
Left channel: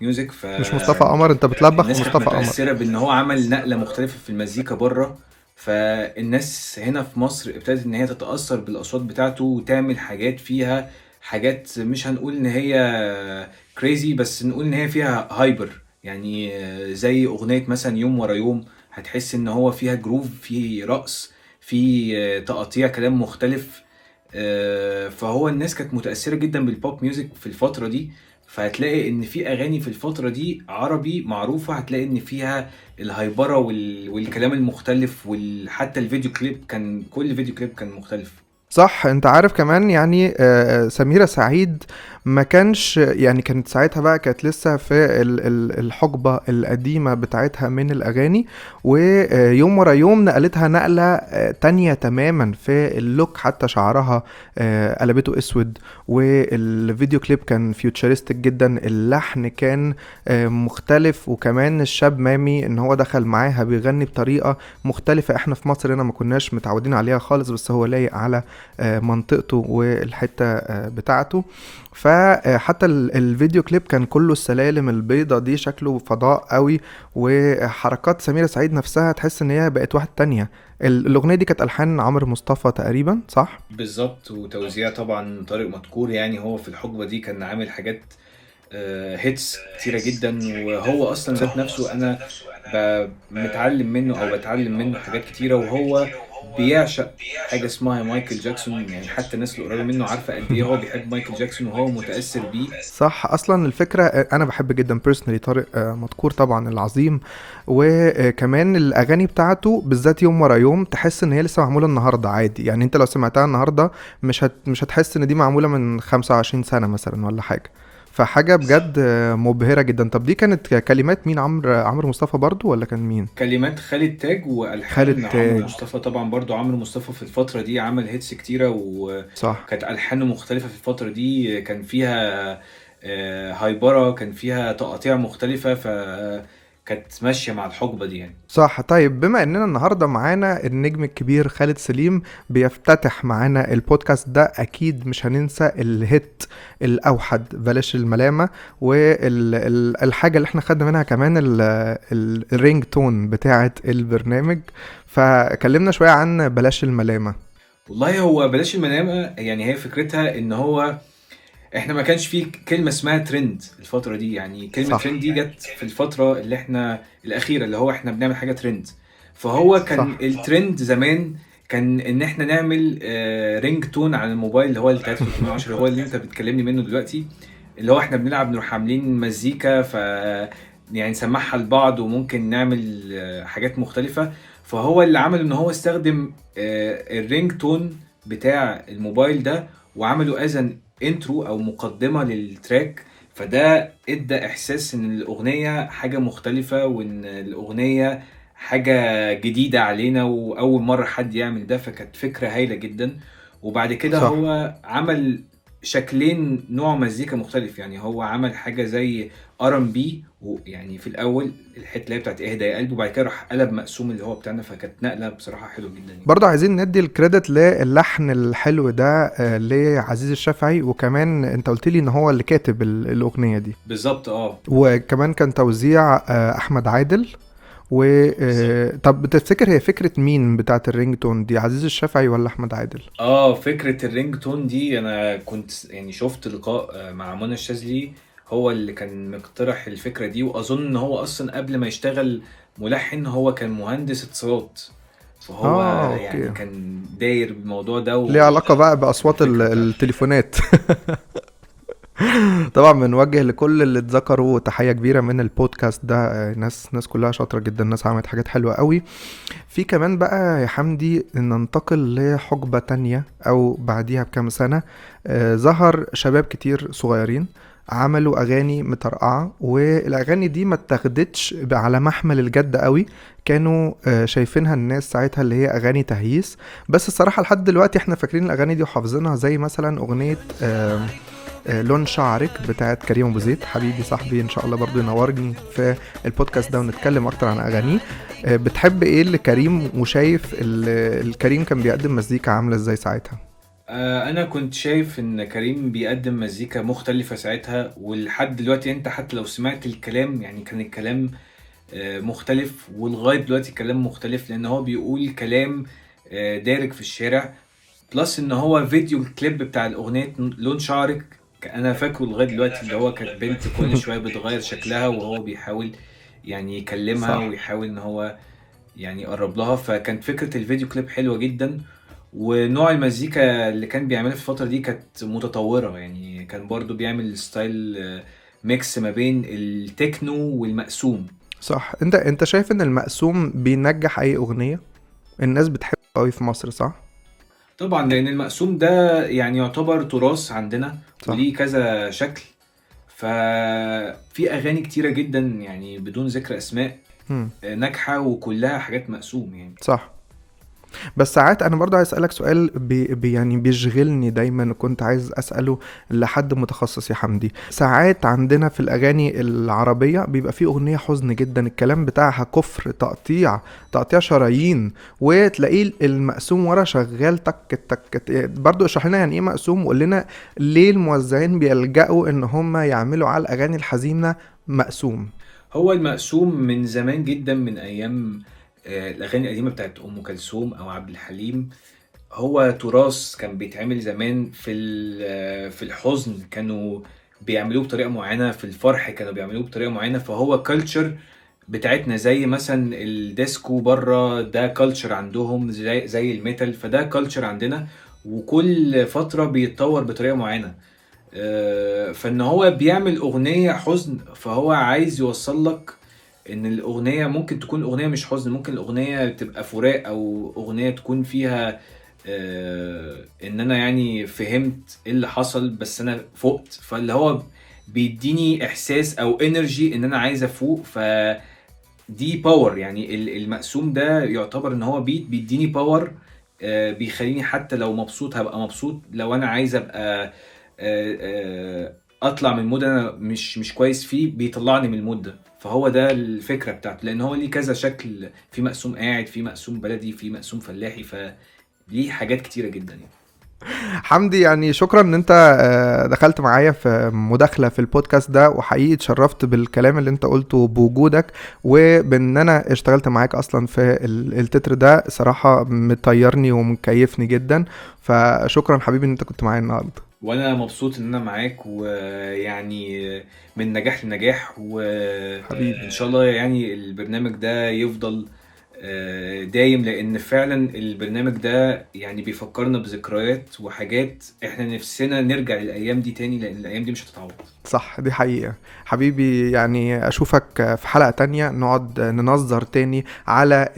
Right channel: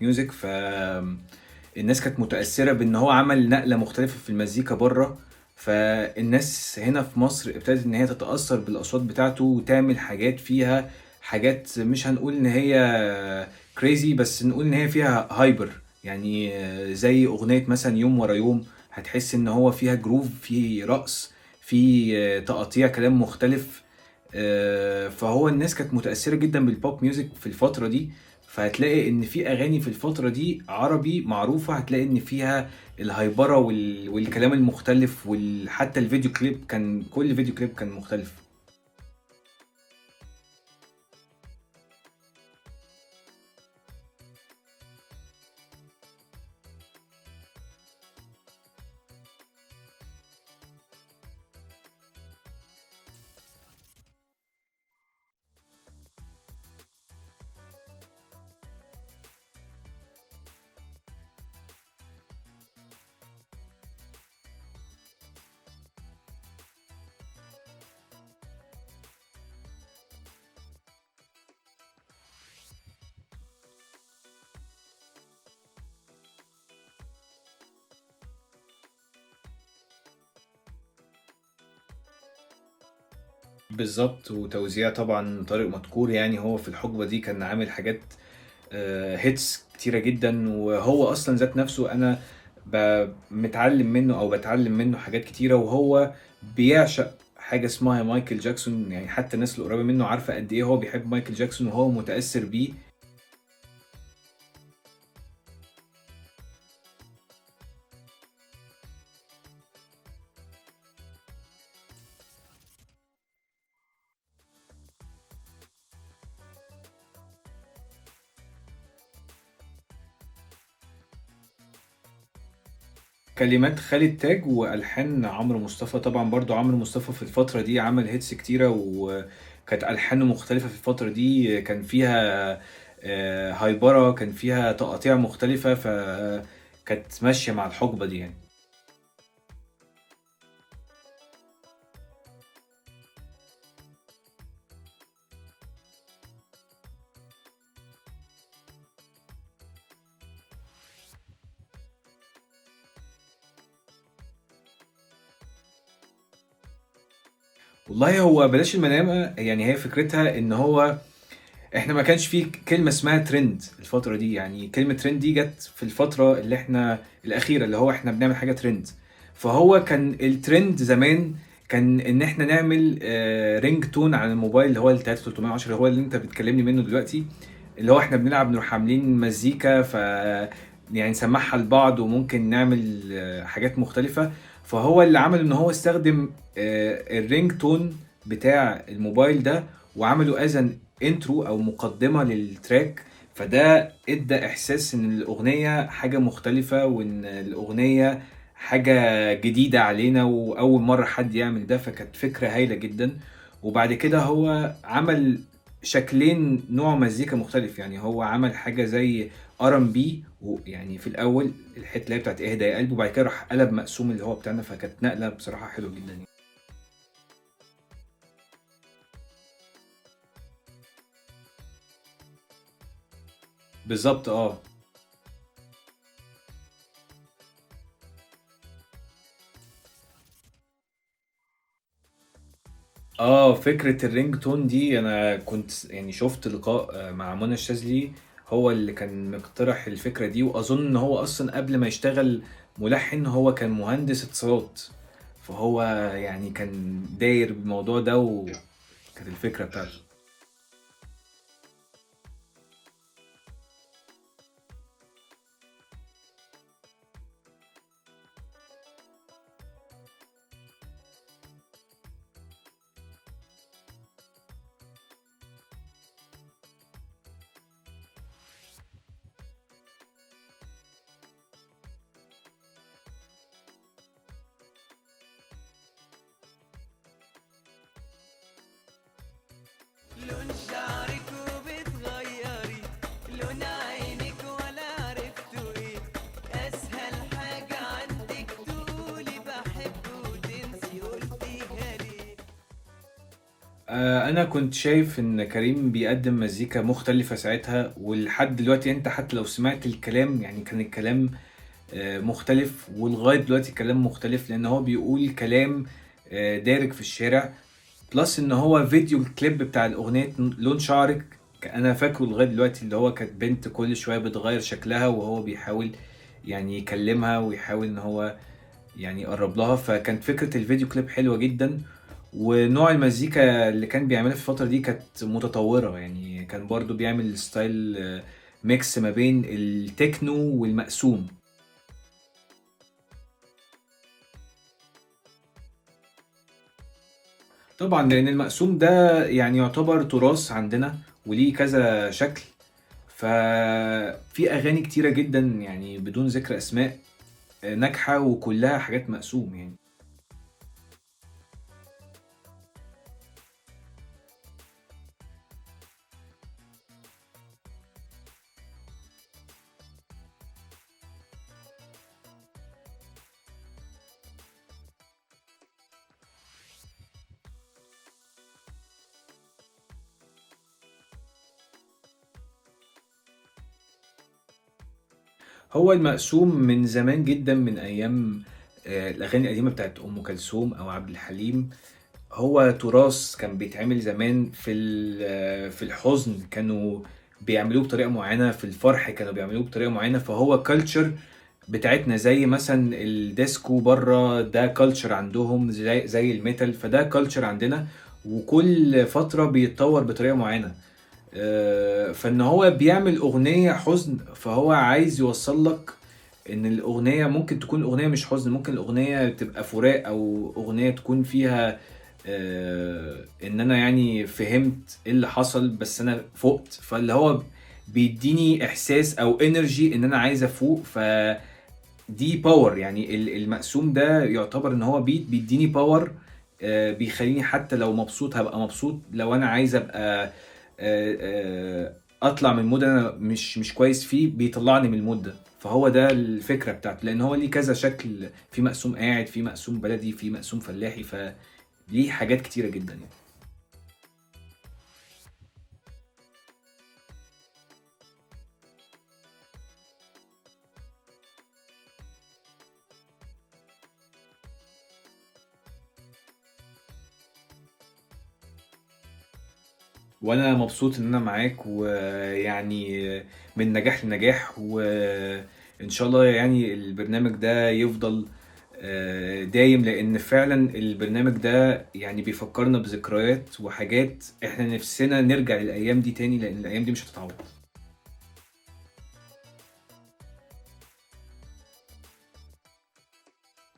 ميوزك. مش مصطفى قمر؟ انت بتلبخ الناس مصطفى كانت قمر. متاثره بان هو عمل نقله مختلفه في المزيكا بره، فالناس هنا في مصر ابتدت ان هي تتأثر بالاصوات بتاعته وتعمل حاجات فيها حاجات مش هنقول ان هي كريزي، بس نقول ان هي فيها هايبر. يعني زي اغنية مثلا يوم ورا يوم، هتحس ان هو فيها جروف، فيه رقص، فيه تقطيع كلام مختلف. فهو الناس كانت متأثرة جدا بالبوب ميوزك في الفترة دي. فهتلاقي ان في اغاني في الفترة دي عربي معروفة، هتلاقي ان فيها الهايبرة والكلام المختلف، وحتى الفيديو كليب كان كل فيديو كليب كان مختلف. صح. انت عارف كمان يعني سميرة سعيد ما كانش يعني، كانت ساعتها بقى كانت لسه في الحقبة القديمة بتاعتها من الأغاني، ويوم ورا يوم نقلتها نقلة تانية تماما في اللوك. حتى شعرها قلبته اسود، والفيديو كليب كان فيوتشرستك جدا، اللحن كان مختلف، وكمان الشاب مامي ان هو دخل معاها بيغني بطريقة مختلفة احنا في مصر هنا ما كناش متعودين عليها خالص، بس هو لايق على منطقته والحتة بتاعته. فحتى الفيديو كليب كان كله السلالم البيضة دي، شكله فضاء قوي، وحركات سميرة سعيد نفسها تحس ان هي بقت واحد تانية. الاغنية دي كانت الحان عمرو مصطفى تقريبا، صح؟ بالظبط، وتوزيع طبعا طارق مدكور. يعني هو في الحقبة دي كان عامل حاجات هيتس كتيرة جدا، وهو اصلا ذات نفسه انا متعلم منه او بتعلم منه حاجات كتيرة، وهو بيعشق حاجة اسمها مايكل جاكسون. يعني حتى الناس اللي قريبة منه عارفة قد ايه هو بيحب مايكل جاكسون وهو متأثر بيه. صح. اصلا الفكرة انا بحب جدا بيرسونالي طارق مدكور طبعا العظيم، وكمان الاغاني بتاعته بالذات يوم ورا يوم تحس ان هي لسه معمولة النهاردة عادي. يعني انت لو سمعتها النهاردة مش هتحس ان دي معمولة من 25 سنة مثلا ولا حاجة. فحاجة بجد مبهرة جدا. طب دي كانت كلمات مين؟ عمرو مصطفى برضو ولا كان مين؟ كلمات خالد تاج، والحان عمرو تاج. مصطفى. طبعا برضو عمرو مصطفى في الفترة دي عمل هيتس كتيرة، صح. وكانت ألحانه مختلفة في الفترة دي. كان فيها هايبرة، كان فيها تقاطيع مختلفة، فكانت ماشية مع الحقبة دي يعني. صح. طيب بما اننا النهاردة معانا النجم الكبير خالد سليم بيفتتح معانا البودكاست ده، اكيد مش هننسى الهيت الاوحد بلاش الملامة، والحاجة اللي احنا خدنا منها كمان الرينج تون بتاعة البرنامج. فكلمنا شوية عن بلاش الملامة. والله هو بلاش الملامة، يعني هي فكرتها ان هو احنا ما كانش فيه كلمة اسمها ترند الفترة دي. يعني كلمة صح. ترند دي جت في الفترة اللي احنا الأخيرة، اللي هو احنا بنعمل حاجة ترند. فهو كان صح. الترند زمان كان ان احنا نعمل رينج تون على الموبايل، اللي هو ال 3310 اللي هو اللي انت بتكلمني منه دلوقتي، اللي هو احنا بنلعب نروح عاملين مزيكا، ف يعني نسمعها لبعض، وممكن نعمل حاجات مختلفة. فهو اللي عمل ان هو استخدم الرينج تون بتاع الموبايل ده، وعمله أذن انترو او مقدمة للتراك. فده ادى احساس ان الاغنية حاجة مختلفة، وان الاغنية حاجة جديدة علينا، واول مرة حد يعمل ده. فكانت فكرة هايلة جدا. وبعد كده صح. هو عمل شكلين نوع مزيكا مختلف. يعني هو عمل حاجة زي R&B، ويعني في الأول الحتة اللي هي بتاعت اهدى يا قلبي، وبعد كده راح قلب مقسوم اللي هو بتاعنا، فكانت نقلة بصراحة حلوة جدا يعني. برضه عايزين ندي الكريدت للحن الحلو ده لعزيز الشافعي، وكمان انت قلت لي ان هو اللي كاتب الاغنيه دي، بالظبط وكمان كان توزيع احمد عادل. طب بتفتكر هي فكره مين بتاعت الرينج تون دي، عزيز الشافعي ولا احمد عادل؟ فكرة الرينج تون دي انا كنت يعني شفت لقاء مع منى الشاذلي، هو اللي كان مقترح الفكرة دي. واظن ان هو اصلا قبل ما يشتغل ملحن هو كان مهندس اتصالات، فهو أوكي. يعني كان داير بالموضوع ده ليه علاقه بقى باصوات الفكرة بتاعته. التليفونات. طبعا بنوجه لكل اللي اتذكروا تحية كبيرة من البودكاست ده، ناس كلها شاطرة جدا، ناس عملت حاجات حلوة قوي. في كمان بقى يا حمدي ننتقل لحقبة تانية او بعديها بكام سنة، ظهر شباب كتير صغيرين عملوا اغاني مترقعة، والاغاني دي ما اتاخدتش على محمل الجد قوي، كانوا شايفينها الناس ساعتها اللي هي اغاني تهييس. بس الصراحة لحد دلوقتي احنا فاكرين الاغاني دي وحافظينها، زي مثلا اغنية لون شعرك بتاعت كريم ابو زيد، حبيبي صاحبي، ان شاء الله برضو ينورني في البودكاست ده ونتكلم اكتر عن اغانيه. بتحب ايه لكريم، وشايف الكريم كان بيقدم مزيكا عامله ازاي ساعتها؟ انا كنت شايف ان كريم بيقدم مزيكا مختلفة ساعتها، ولحد دلوقتي انت حتى لو سمعت الكلام يعني كان الكلام مختلف، ولغاية دلوقتي الكلام مختلف، لان هو بيقول كلام دارج في الشارع. بلس ان هو فيديو الكليب بتاع الاغنية لون شعرك انا فاكره لغاية دلوقتي، اللي هو كانت بنت كل شوية بتغير شكلها وهو بيحاول يعني يكلمها، صح. ويحاول ان هو يعني يقرب لها. فكانت فكرة الفيديو كليب حلوة جدا، ونوع المزيكا اللي كان بيعملها في الفترة دي كانت متطورة. يعني كان برضو بيعمل ستايل ميكس ما بين التكنو والمقسوم. صح. انت شايف ان المقسوم بينجح اي اغنيه؟ الناس بتحبه قوي في مصر، صح؟ طبعا لان المقسوم ده يعني يعتبر تراث عندنا، صح. وليه كذا شكل. ففي اغاني كتيرة جدا يعني بدون ذكر اسماء ناجحة وكلها حاجات مقسوم يعني. صح. بس ساعات انا برضو عايز اسالك سؤال يعني بيشغلني دايما، كنت عايز اساله لحد متخصص يا حمدي. ساعات عندنا في الاغاني العربيه بيبقى في اغنيه حزن جدا، الكلام بتاعها كفر، تقطيع شرايين، وتلاقيه المقسوم ورا شغال تك تك. برضو اشرح لنا يعني ايه مقسوم، وقول لنا ليه الموزعين بيلجأوا ان هم يعملوا على الاغاني الحزينه مقسوم. هو المقسوم من زمان جدا، من ايام الاغاني القديمه بتاعت ام كلثوم او عبد الحليم. هو تراث كان بيتعمل زمان في الحزن كانوا بيعملوه بطريقه معينه، في الفرح كانوا بيعملوه بطريقه معينه. فهو كلتشر بتاعتنا، زي مثلا الديسكو بره ده كلتشر عندهم، زي الميتال، فده كلتشر عندنا، وكل فتره بيتطور بطريقه معينه. فان هو بيعمل اغنيه حزن، فهو عايز يوصل لك ان الاغنيه ممكن تكون اغنيه مش حزن، ممكن الاغنيه تبقى فراق، او اغنيه تكون فيها ان انا يعني فهمت ايه اللي حصل بس انا فقت. فاللي هو بيديني احساس او انرجي ان انا عايز افوق، فدي باور. يعني المقسوم ده يعتبر ان هو بيديني باور، بيخليني حتى لو مبسوط هبقى مبسوط، لو انا عايز ابقى اطلع من المود انا مش كويس فيه بيطلعني من المود ده. فهو ده الفكرة بتاعته، لان هو ليه كذا شكل، في مقسوم قاعد، في مقسوم بلدي، في مقسوم فلاحي، فليه حاجات كتيرة جدا يعني. حمدي يعني شكرا ان انت دخلت معايا في مداخلة في البودكاست ده، وحقيقي اتشرفت بالكلام اللي انت قلته بوجودك، وبان انا اشتغلت معاك اصلا في التتر ده، صراحة مطيرني ومكيفني جدا. فشكرا حبيبي ان انت كنت معايا النهاردة، وانا مبسوط ان انا معاك، ويعني من نجاح لنجاح، وان شاء الله يعني البرنامج ده يفضل دايم، لان فعلا البرنامج ده يعني بيفكرنا بذكريات وحاجات احنا نفسنا نرجع للايام دي تاني، لان الايام دي مش هتتعوض. صح، دي حقيقة حبيبي. يعني اشوفك في حلقة تانية نقعد ننظر تاني على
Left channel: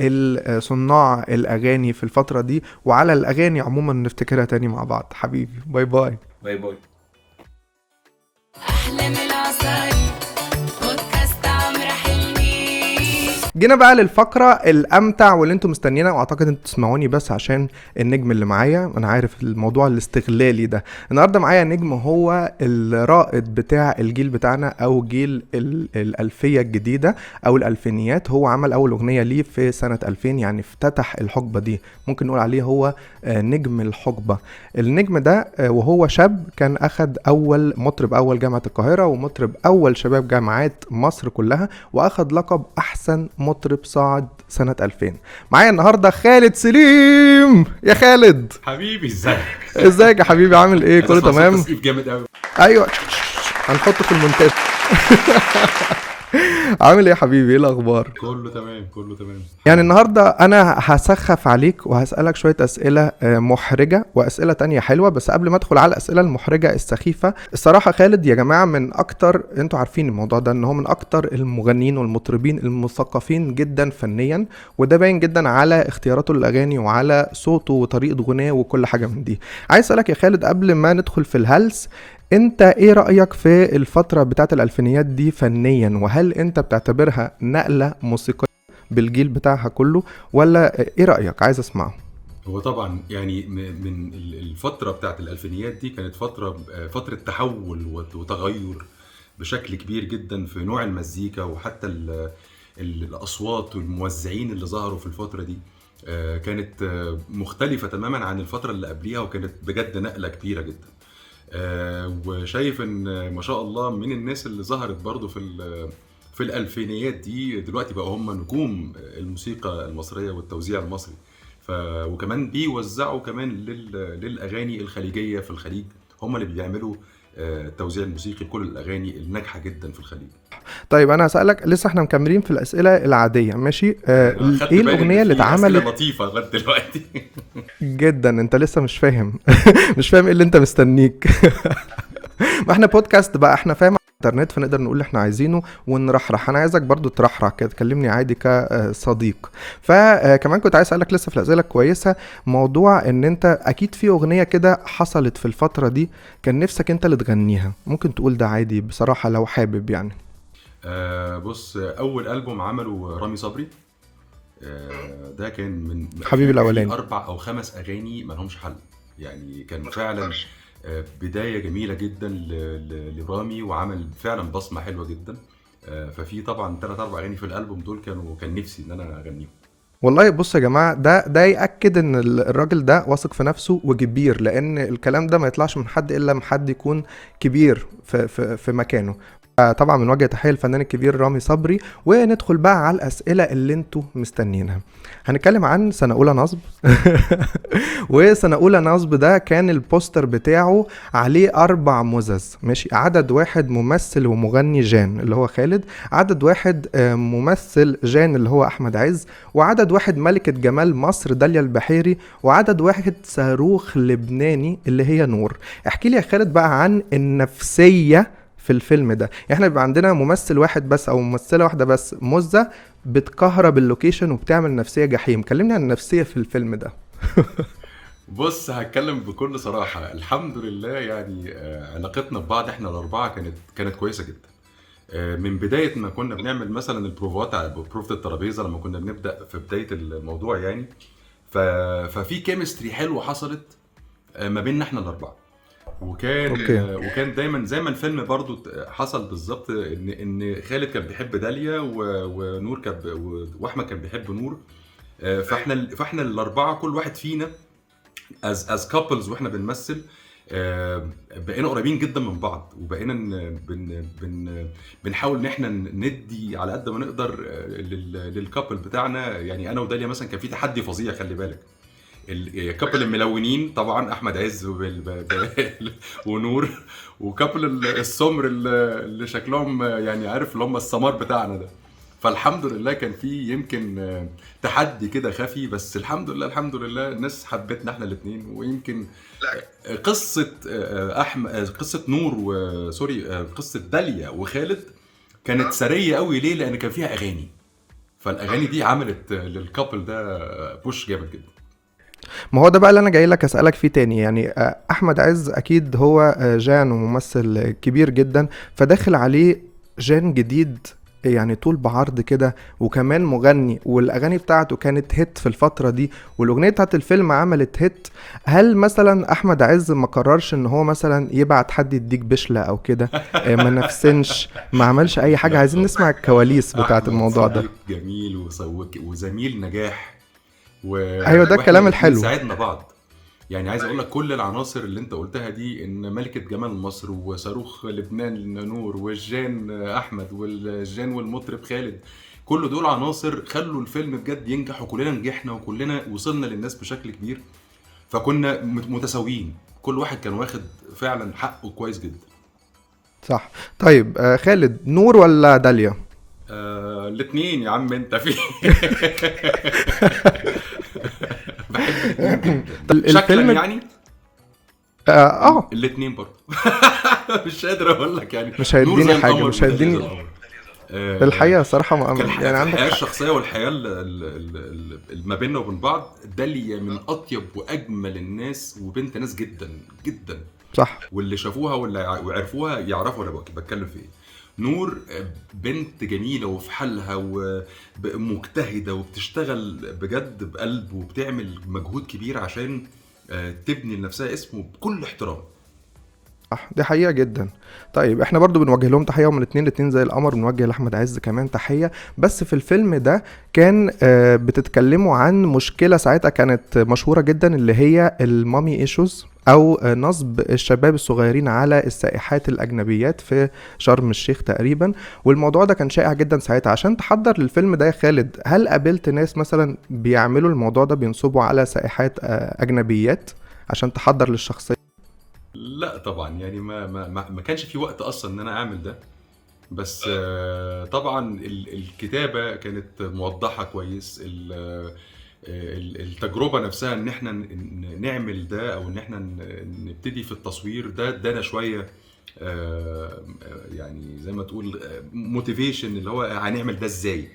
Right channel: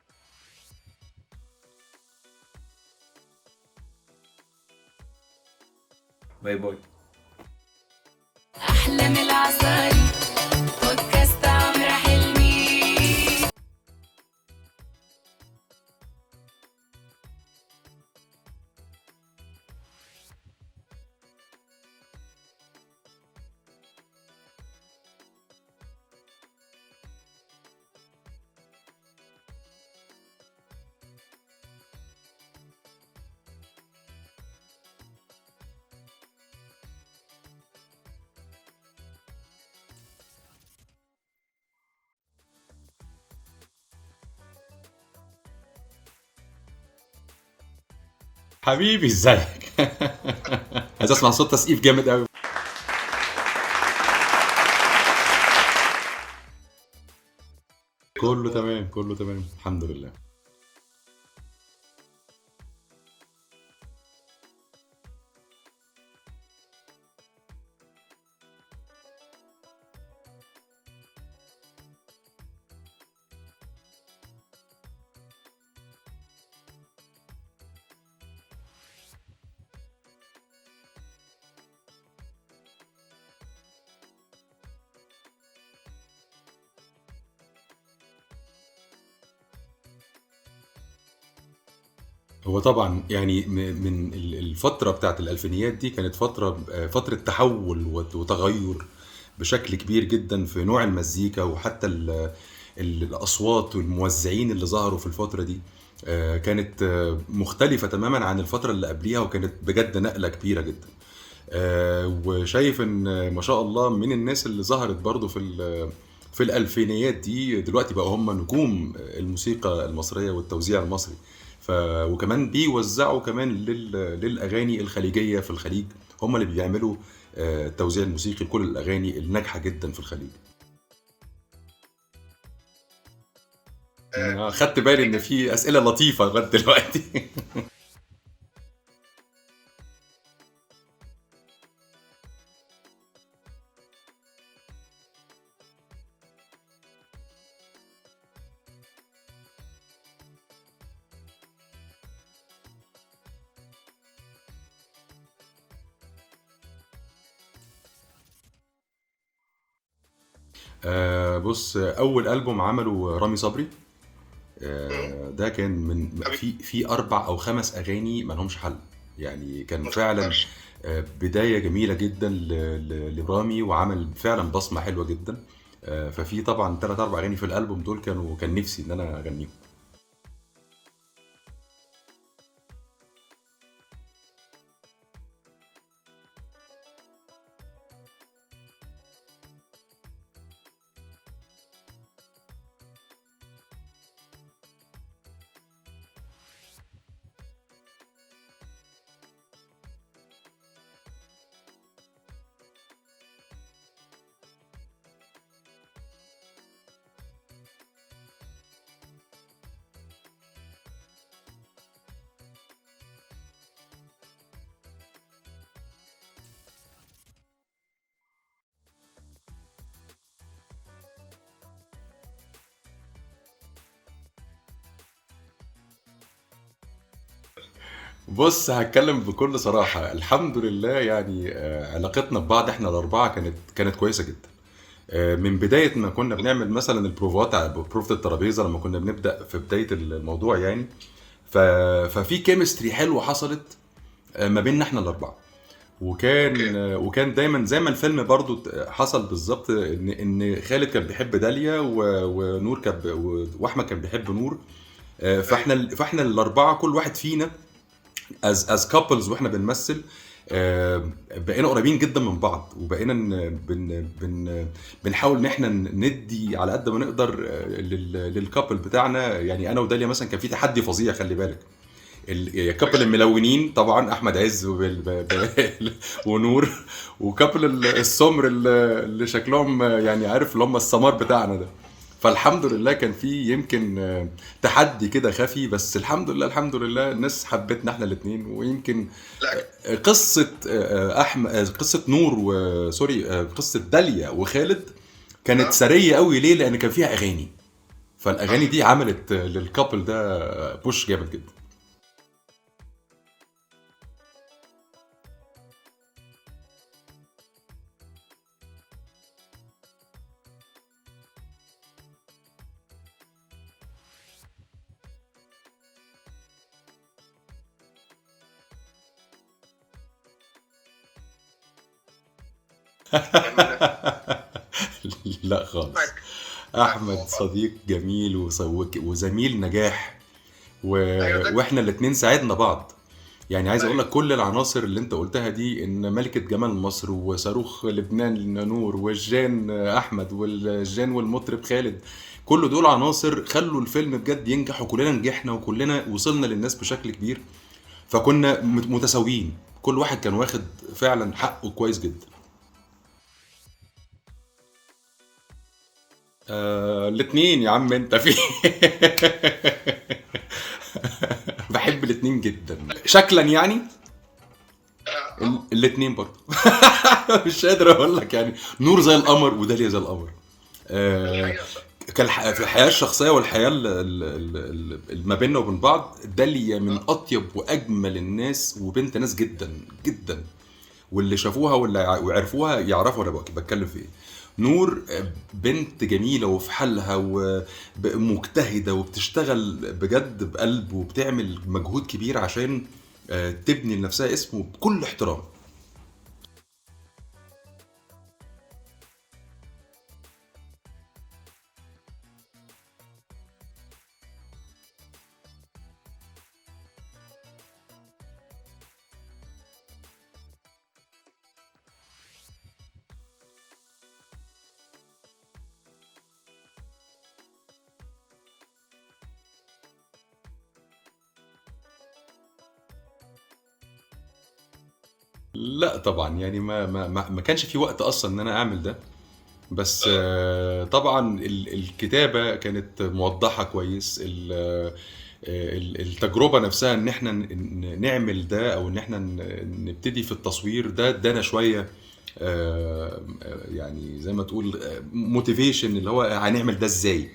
صناع الاغاني في الفترة دي، وعلى الاغاني عموما نفتكرها تاني مع بعض. حبيبي باي باي. باي باي. أحلى من العسل بودكاست عمرو حلمي. جينا بقى للفقرة الأمتع واللي انتم مستنيينها، واعتقد انتم تسمعوني بس عشان النجم اللي معايا. انا عارف الموضوع الاستغلالي ده. النهاردة معايا نجم هو الرائد بتاع الجيل بتاعنا، او جيل الألفية الجديدة او الألفينيات. هو عمل اول اغنية ليه في سنة 2000، يعني افتتح الحقبة دي، ممكن نقول عليه هو نجم الحقبة. النجم ده وهو شاب كان اخد اول مطرب اول جامعة القاهرة، ومطرب اول شباب جامعات مصر كلها، واخد لقب احسن مطرب صاعد سنة 2000. معايا النهاردة خالد سليم. يا خالد حبيبي ازيك؟ ازيك يا حبيبي، عامل ايه؟ عايز اسمع كله صوت تمام؟ تسقيف جامد قوي. ايوه هنحطه في المونتاج. عامل ايه يا حبيبي؟ ايه الاخبار؟ كله تمام كله تمام. يعني النهاردة أنا هسخف عليك وهسألك شوية أسئلة محرجة وأسئلة تانية حلوة. بس قبل ما أدخل على الأسئلة المحرجة السخيفة، الصراحة خالد يا جماعة من أكتر، أنتوا عارفين الموضوع ده، إن هو من أكتر المغنيين والمطربين المثقفين جدا فنيا، وده باين جدا على اختياراته للأغاني وعلى صوته وطريقة غناه وكل حاجة من دي. عايز أسألك يا خالد قبل ما ندخل في الهلس، انت ايه رأيك في الفترة بتاعت الألفينيات دي فنيا؟ وهل انت بتعتبرها نقلة موسيقية بالجيل بتاعها كله، ولا ايه رأيك؟ عايز اسمعه. هو طبعا يعني من الفترة بتاعت الألفينيات دي كانت فترة تحول وتغير بشكل كبير جدا في نوع المزيكا، وحتى الأصوات والموزعين اللي ظهروا في الفترة دي كانت مختلفة تماما عن الفترة اللي قبليها، وكانت بجد نقلة كبيرة جدا. وشايف ان ما شاء الله من الناس اللي ظهرت برضو في الألفينيات دي دلوقتي بقوا هم نجوم الموسيقى المصرية والتوزيع المصري. وكمان بيوزعوا كمان للأغاني الخليجية في الخليج، هم اللي بيعملوا التوزيع الموسيقي لكل الأغاني الناجحة جدا في الخليج. طيب انا هسألك، لسه احنا مكملين في الأسئلة العادية، ماشي؟ خدت ايه بالي الأغنية ان اللي في أسئلة اتعملت لطيفة لغاية دلوقتي. جدا؟ انت لسه مش فاهم. مش فاهم ايه اللي انت مستنيك. ما احنا بودكاست بقى، احنا فاهم على الانترنت، فنقدر نقول اللي احنا عايزينه ونرحرح. انا عايزك برضو ترحرح كده، تكلمني عادي كصديق. فكمان كنت عايز اسالك لسه في الاسئله كويسه، موضوع ان انت اكيد في اغنيه كده حصلت في الفتره دي كان نفسك انت اللي تغنيها، ممكن تقول ده عادي بصراحه لو حابب يعني. بص، أول ألبوم عمله رامي صبري، ده كان من حبيبي الأولاني. في 4 أو 5 أغاني مالهمش حل، يعني كان فعلا بداية جميلة جدا لرامي، وعمل فعلا بصمة حلوة جدا. ففي طبعا 3-4 أغاني في الألبوم دول كان نفسي إن أنا أغنيهم. والله بص يا جماعة، ده يأكد ان الراجل ده واثق في نفسه وكبير، لان الكلام ده ما يطلعش من حد الا من حد يكون كبير في مكانه. طبعا من وجه تحية الفنان الكبير رامي صبري. وندخل بقى على الأسئلة اللي انتوا مستنيينها. هنتكلم عن سنة أولى نصب. وسنة أولى نصب ده كان البوستر بتاعه عليه 4 مزز، ماشي؟ عدد 1 ممثل ومغني جان اللي هو خالد، عدد 1 ممثل جان اللي هو أحمد عز، وعدد 1 ملكة جمال مصر داليا البحيري، وعدد 1 صاروخ لبناني اللي هي نور. احكي لي يا خالد بقى عن النفسية في الفيلم ده. احنا بيبقى عندنا ممثل واحد بس او ممثلة واحدة بس، مزة بتكهرب اللوكيشن وبتعمل نفسية جحيم. كلمني عن النفسية في الفيلم ده. بص، هتكلم بكل صراحة. الحمد لله يعني علاقتنا ببعض احنا ال4 كانت كويسة جدا. من بداية ما كنا بنعمل مثلا البروفات على بروفة الترابيزة، لما كنا بنبدأ في بداية الموضوع يعني، ففي كيمستري حلوة حصلت ما بيننا احنا ال4. وكان دايما زي ما الفيلم برضو حصل بالظبط، ان خالد كان بيحب داليا، ونور واحمد كان بيحب نور. فاحنا ال4 كل واحد فينا as couples واحنا بنمثل بقينا قريبين جدا من بعض، وبقينا بنحاول ان احنا ندي على قد ما نقدر للكابل بتاعنا. يعني انا وداليا مثلا كان في تحدي فظيع، خلي بالك. الكابل الملونين طبعا احمد عز ونور، وكابل السمر اللي شكلهم يعني عارف اللي هم السمار بتاعنا ده. فالحمد لله كان في يمكن تحدي كده خفي، بس الحمد لله الناس حبتنا احنا الاثنين. ويمكن قصة قصة نور قصة داليا وخالد كانت سرية قوي. ليه؟ لان كان فيها اغاني، فالاغاني دي عملت للكابل ده بوش جامد جدا. ما هو ده بقى اللي انا جاي لك اسالك فيه تاني. يعني احمد عز اكيد هو جان وممثل كبير جدا، فداخل عليه جان جديد يعني طول بعرض كده، وكمان مغني والاغاني بتاعته كانت هيت في الفتره دي، والاغنيه بتاعت الفيلم عملت هيت. هل مثلا احمد عز ما قررش ان هو مثلا يبعت حد يديك بشله او كده؟ ما نفسنش، ما عملش اي حاجه؟ لا عايزين خالص. نسمع الكواليس بتاعت احمد الموضوع ده. صديق جميل وزميل نجاح ايوه، ده واحنا الكلام الاتنين الحلو. ساعدنا بعض. يعني عايز اقول لك كل العناصر اللي انت قلتها دي، ان ملكة جمال مصر وصاروخ لبنان نور والجان احمد والجان والمطرب خالد، كل دول عناصر خلوا الفيلم بجد ينجح، وكلنا نجحنا وكلنا وصلنا للناس بشكل كبير. فكنا متساويين، كل واحد كان واخد فعلا حقه كويس جدا. صح. طيب خالد، نور ولا داليا؟ الاتنين يا عم انت في بحب الاتنين جدا شكلا الفيلم يعني. الاتنين برضه مش قادر اقول لك يعني. مش نور هيديني زي حاجة، القمر مش وداليا زي هيديني القمر. الحقيقة صراحة في يعني عندك الحياة حق. الشخصية والحياة ما بيننا وبين بعض، داليا من أطيب وأجمل الناس، وبنت ناس جدا جدا. صح. واللي شافوها واللي وعرفوها يعرفوا أنا بتكلم في إيه. نور بنت جميلة وفي حالها ومجتهدة وبتشتغل بجد بقلب، وبتعمل مجهود كبير عشان تبني لنفسها اسم بكل احترام. صح، دي حقيقة جدا. طيب احنا برضو بنوجه لهم تحية، ومن الاتنين زي القمر، بنوجه لأحمد عز كمان تحية. بس في الفيلم ده كان بتتكلموا عن مشكلة ساعتها كانت مشهورة جدا، اللي هي المامي ايشوز، او نصب الشباب الصغيرين على السائحات الاجنبيات في شرم الشيخ تقريبا. والموضوع ده كان شائع جدا ساعتها. عشان تحضر للفيلم ده يا خالد، هل قابلت ناس مثلا بيعملوا الموضوع ده، بينصبوا على سائحات اجنبيات عشان تحضر للشخصية؟ لا طبعا، يعني ما كانش في وقت اصلا ان انا اعمل ده. بس طبعا الكتابة كانت موضحة كويس. التجربة نفسها ان احنا نعمل ده، او ان احنا نبتدي في التصوير ده، ادانا شوية يعني زي ما تقول موتيفيشن، اللي هو هنعمل ده ازاي.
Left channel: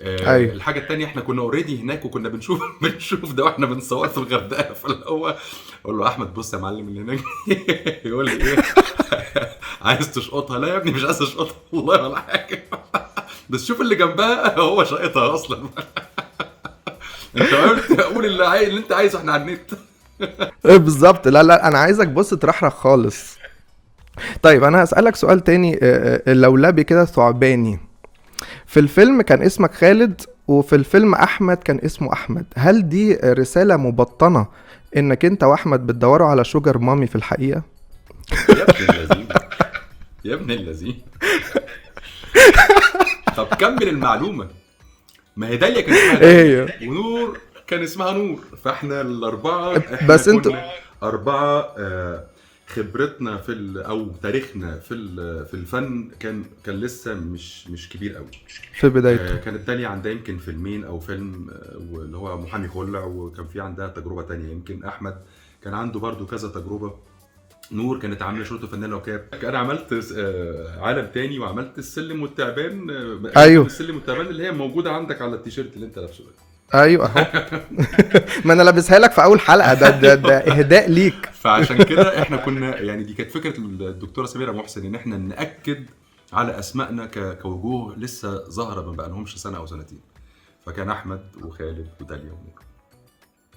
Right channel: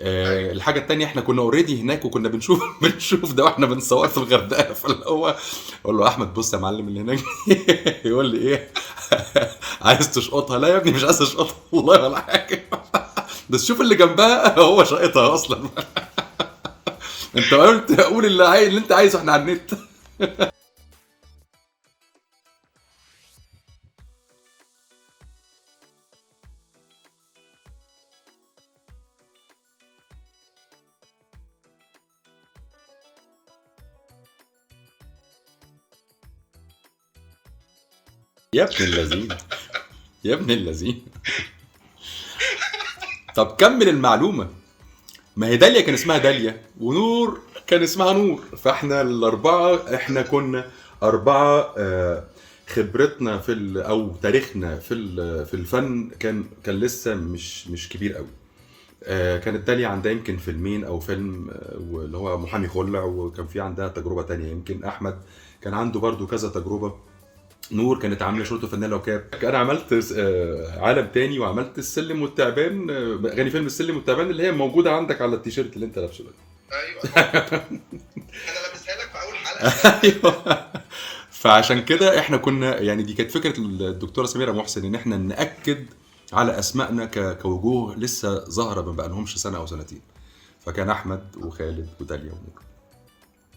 أيوة. الحاجة التانية، احنا كنا اوريدي هناك، وكنا بنشوف ده واحنا بنصور في الغردقة. فاللي هو اقول له احمد بص يا معلم اللي هناك يقول لي ايه عايز تشقطها؟ لا يا ابني مش عايز اشقطها والله ولا حاجة، بس شوف اللي جنبها هو شقطها اصلا. انت قلت اقول اللي انت عايزه، احنا على النت. بالظبط. لا لا، انا عايزك بص ترحرح خالص. طيب انا هسألك سؤال تاني لولبي كده ثعباني. في الفيلم كان اسمك خالد، وفي الفيلم احمد كان اسمه احمد. هل دي رسالة مبطنة انك انت واحمد بتدوروا على شوجر مامي في الحقيقة؟ يا ابن اللذين، يا ابن اللذين. طب كمل المعلومة. ما هي داليا كان اسمها داليا، ونور كان اسمها نور، فاحنا الأربعة احنا بس كنا أربعة. خبرتنا او تاريخنا في الفن كان لسه مش كبير قوي في بداية. كانت داليا عندها يمكن فيلمين او فيلم اللي هو محامي خلع، وكان في عندها تجربة تانية. يمكن احمد كان عنده برضو كذا تجربة. نور كانت عامله شرطه فنانه وكاب. انا عملت عالم تاني، وعملت السلم والتعبان. ايوه، السلم والتعبان اللي هي موجوده عندك على التيشيرت اللي انت لابسه ده. ايوه. ما انا لابسها لك في اول حلقه. ده اهداء ليك. فعشان كده احنا كنا يعني دي كانت فكره الدكتوره سميره محسن، ان احنا ناكد على اسمائنا كوجوه لسه ظاهره ما بقالهمش سنه او سنتين. فكان احمد وخالد وداليا ونور.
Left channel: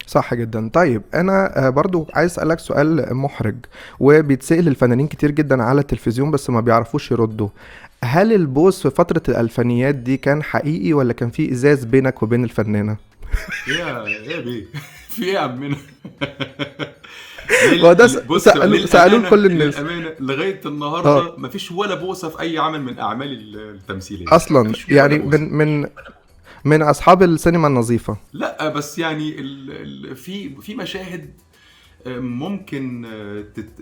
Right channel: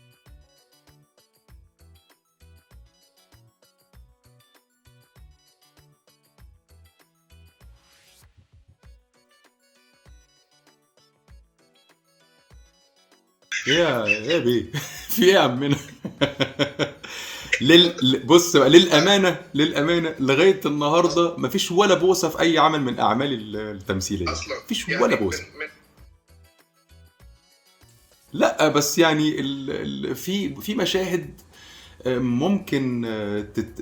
صح جدا. طيب انا برضو عايز اسالك سؤال محرج، وبيتسال الفنانين كتير جدا على التلفزيون بس ما بيعرفوش يردوا. هل البوس في فتره الالفينيات دي كان حقيقي، ولا كان في ازاز بينك وبين الفنانه؟ يا بيه في ايه يا عمنا؟ بص للامانه لغايه النهارده مفيش ولا بوسه في اي عمل من اعمال التمثيليه اصلا، يعني من اصحاب السينما النظيفه. لا بس يعني في مشاهد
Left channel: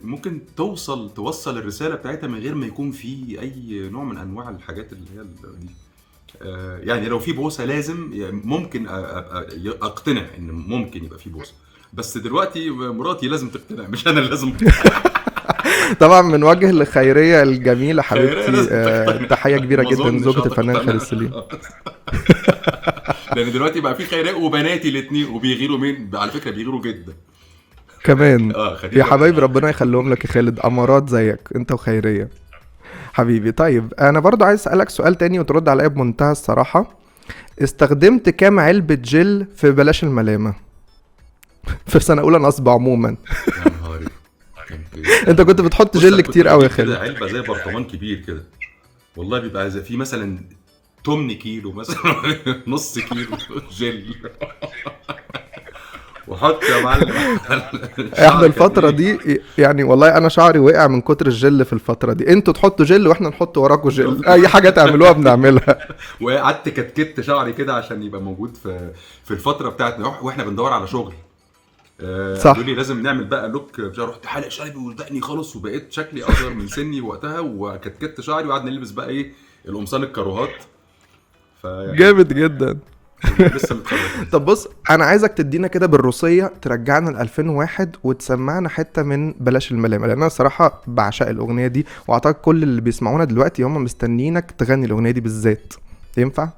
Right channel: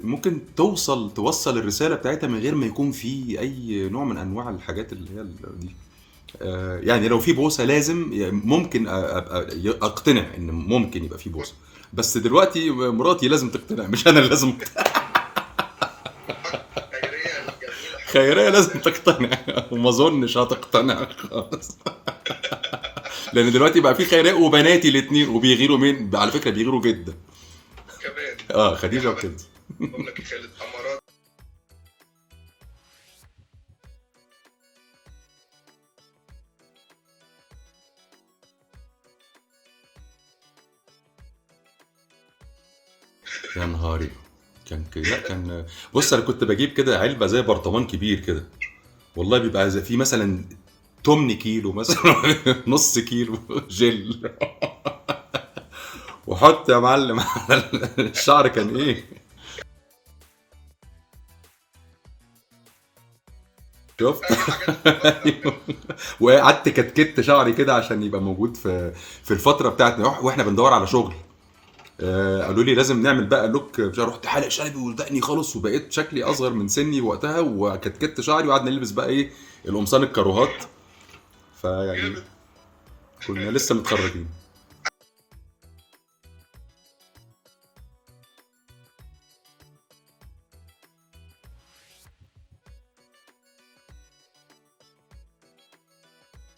ممكن توصل الرساله بتاعتها من غير ما يكون في اي نوع من انواع الحاجات اللي هي دي. يعني لو في بوسه لازم ممكن اقتنع ان ممكن يبقى في بوسه، بس دلوقتي مراتي لازم تقتنع، مش انا اللي لازم طبعا من وجه لخيرية الجميلة حبيبتي. خيرية لازم تقتنع. تحية كبيرة جدا لزوجة الفنان خالد سليم. لان دلوقتي بقى في خيرية وبناتي الاثنين، وبيغيروا مين على فكرة؟ بيغيروا جدا كمان. يا حبايبي ربنا يخليهم لك يا خالد، امارات زيك انت وخيرية. حبيبي. طيب انا برضو عايز اسالك سؤال تاني وترد عليا بمنتهى الصراحه. استخدمت كام علبه جل في بلاش الملامه في سنه اولى نصب عموما؟ يا نهاري، كان كده. انت كنت بتحط بص، جل أنا كنت كتير قوي يا بجيب كده خالد. علبه زي برطمان كبير كده، والله بيبقى زي في مثلا 8 كيلو مثلا نص كيلو جل، وحط يا معلم. احنا الشعر كان الفتره ايه؟ دي يعني والله انا شعري وقع من كتر الجل في الفتره دي. انتوا تحطوا جل واحنا نحط وراكوا جل، اي حاجه تعملوها بنعملها. وقعدت كتكت شعري كده عشان يبقى موجود في الفتره بتاعتنا واحنا بندور على شغل. صح. قالوا لي لازم نعمل بقى لوك، رحت حالق شعري ودقني خالص، وبقيت شكلي اصغر من سني وقتها، وكتكت شعري، وقعدنا نلبس بقى ايه القمصان الكاروهات. فيعني جامد جدا. لسه متخرج منه. طب بص، انا عايزك تدينا كده بالروسيه، ترجعنا ل 2001 وتسمعنا حته من بلاش الملامه، لان انا الصراحه بعشق الاغنيه دي، واعتقد كل اللي بيسمعونا دلوقتي هم مستنيينك تغني الاغنيه دي بالذات. ينفع؟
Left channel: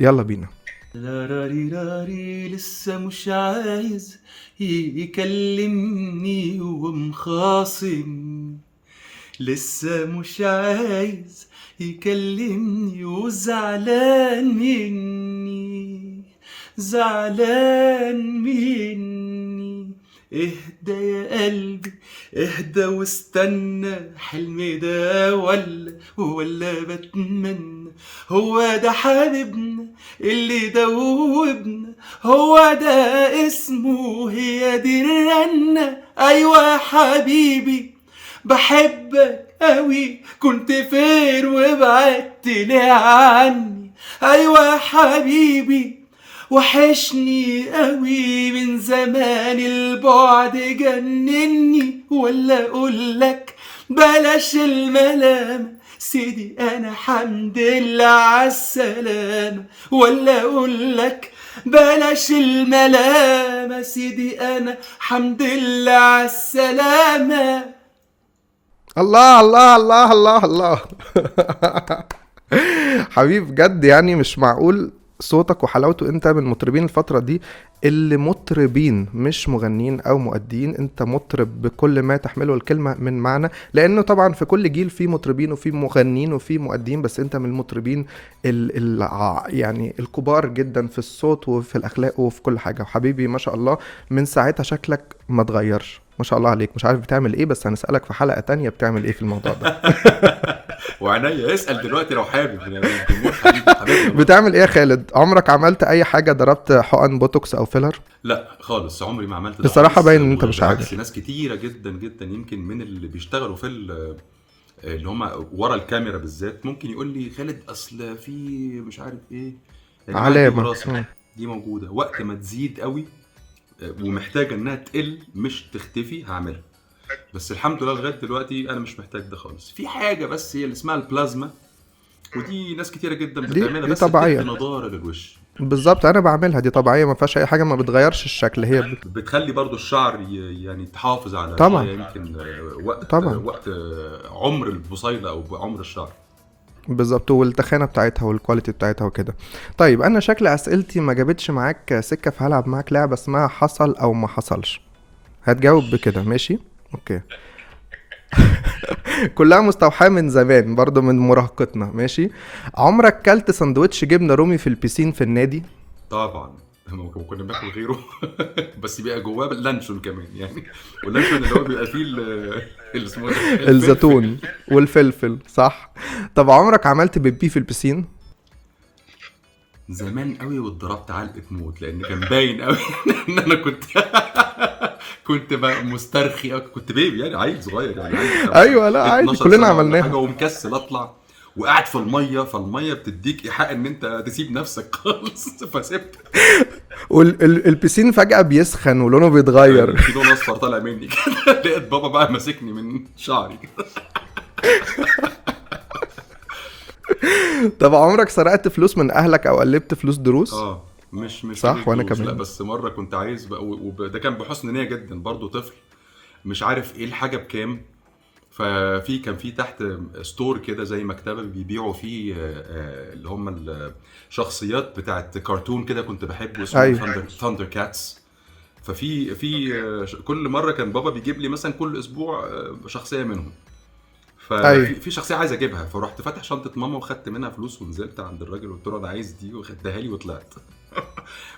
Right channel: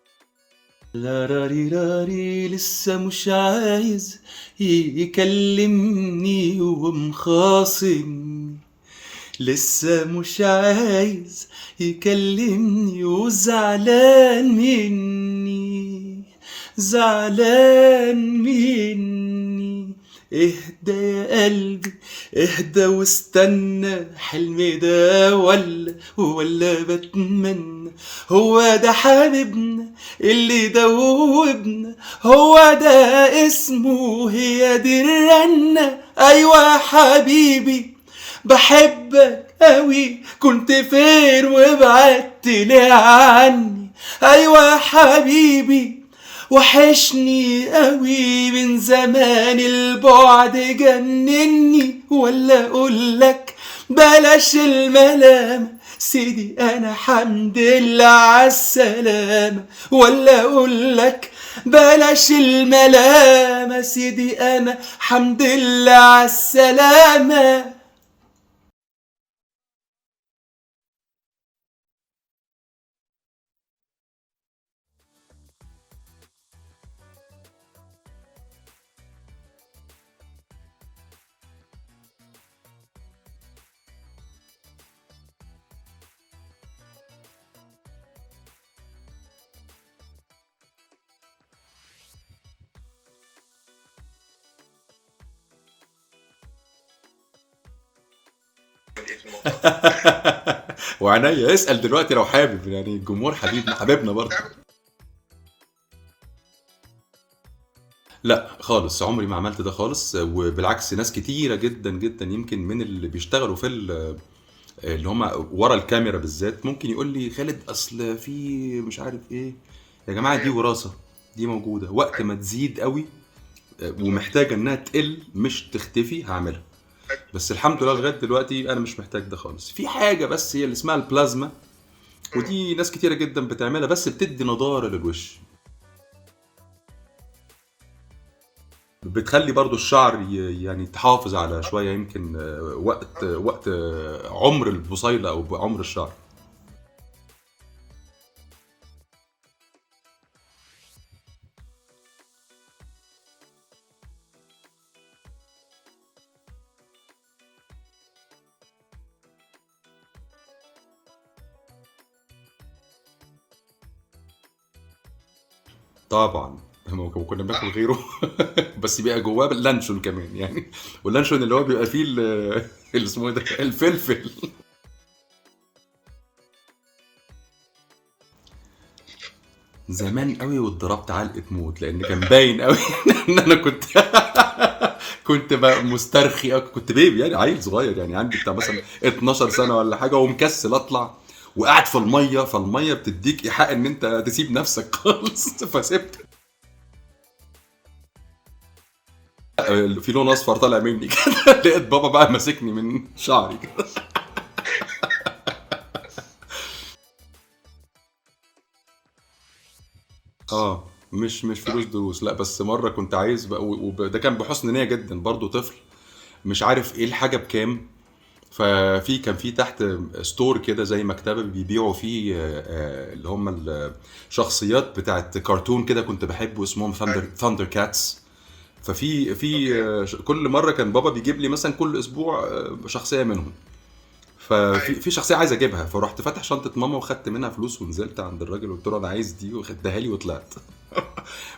يلا بينا. لا راري راري لسه مش عايز يكلمني ومخاصم، لسه مش عايز يكلمني وزعلان مني، زعلان مني. اهدى يا قلبي اهدى واستنى، حلمي ده ولا بتمنى، هو ده حبيبنا اللي دوبنا، هو ده اسمه، هي دي الرنة. ايوه حبيبي بحبك قوي، كنت فين وبعدت ليه عني؟ ايوه حبيبي وحشني قوي، من زمان البعد جنني، ولا اقولك بلاش الملامة سيدي انا حمد لله عالسلامة، ولا اقولك بلاش الملامة سيدي انا حمد لله عالسلامة. الله الله الله الله الله. حبيب بجد، يعني مش معقول صوتك وحلاوته. انت من المطربين الفترة دي اللي مطربين مش مغنيين او مؤدين، انت مطرب بكل ما تحمله الكلمة من معنى، لانه طبعا في كل جيل في مطربين وفي مغنيين وفي مؤدين، بس انت من المطربين يعني الكبار جدا في الصوت وفي الاخلاق وفي كل حاجة. وحبيبي ما شاء الله من ساعتها شكلك ما تغيرش، ما شاء الله عليك. مش عارف بتعمل ايه، بس هنسألك في حلقة تانية بتعمل ايه في الموضوع ده. وعنيا اسال دلوقتي لو حابب، يعني الجمهور حبيبنا برضه. بتعمل ايه يا خالد؟ عمرك عملت اي حاجة؟ ضربت حقن بوتوكس او فيلر؟ لا خالص، عمري ما عملت ده الصراحة خالص. باين ان انت مش بالعكس، عارف. ناس كتيرة جدا جدا يمكن من اللي بيشتغلوا في اللي هم ورا الكاميرا بالذات ممكن يقول لي خالد اصل في مش عارف ايه. يا جماعة دي علامة. وراثة، دي موجودة. وقت ما تزيد قوي ومحتاجة انها تقل مش تختفي هعملها، بس الحمد لله لغاية دلوقتي انا مش محتاج ده خالص. في حاجة بس هي اللي اسمها البلازما، ودي ناس كتيرة جدا بتعملها، دي بس طبيعية. بتدي نضارة للوش، بالظبط، انا بعملها، دي طبيعية، ما فيهاش اي حاجة، ما بتغيرش الشكل. هي بتخلي برضو الشعر يعني تحافظ على طبعا. شوية يمكن وقت طبعا. وقت عمر البصيلة او عمر الشعر. بالظبط، والتخانة بتاعتها والكواليتي بتاعتها وكده. طيب انا شكل اسئلتي ما جابتش معاك سكة، فهلعب معاك لعبة اسمها حصل او ما حصلش. هتجاوب بكده، ماشي؟ اوكي. كلها مستوحاة من زمان برضو، من مراهقتنا، ماشي؟ عمرك كلت سندوتش جبنة رومي في البيسين في النادي؟ طبعا كنا بناكل غيره بس بيبقى جواه اللانشون كمان يعني، واللانشون اللي هو بيبقى فيه اللي اسمه ده الزيتون والفلفل، صح؟ طب عمرك عملت بيبي في البيسين؟ زمان قوي، واتضربت علقة موت لان كان باين قوي ان انا كنت بقى مسترخي، كنت بيبي يعني عيل صغير يعني عندي ايوه، لا عادي، 12 كلنا سنة ولا عملناها. حاجة، ومكسل اطلع وقاعد في المية، فالمية بتديك ايحاء ان انت تسيب نفسك خالص، فسبت. والبيسين فجأة بيسخن ولونه بيتغير. في لون اصفر طالع مني كده. لقيت بابا بقى ماسكني من شعري كده. طب عمرك سرقت فلوس من اهلك او قلبت فلوس دروس؟ مش صح، فلوس وأنا دروس، كمان. لا بس مرة كنت عايز بقى وده كان بحسن نية جدا برضو، طفل مش عارف ايه الحاجة بكام، كان في تحت ستور كده زي مكتبة بيبيعوا فيه اللي هم الشخصيات بتاعت كرتون كده كنت بحبه، اسمه أيوة. ثاندر كاتس. ففي كل مرة كان بابا بيجيب لي مثلا كل اسبوع شخصية منهم، أيوة. ففي شخصيه عايز اجيبها، فرحت فاتح شنطه ماما وخدت منها فلوس ونزلت عند الراجل وقلت له انا عايز دي وخدتها لي وطلعت.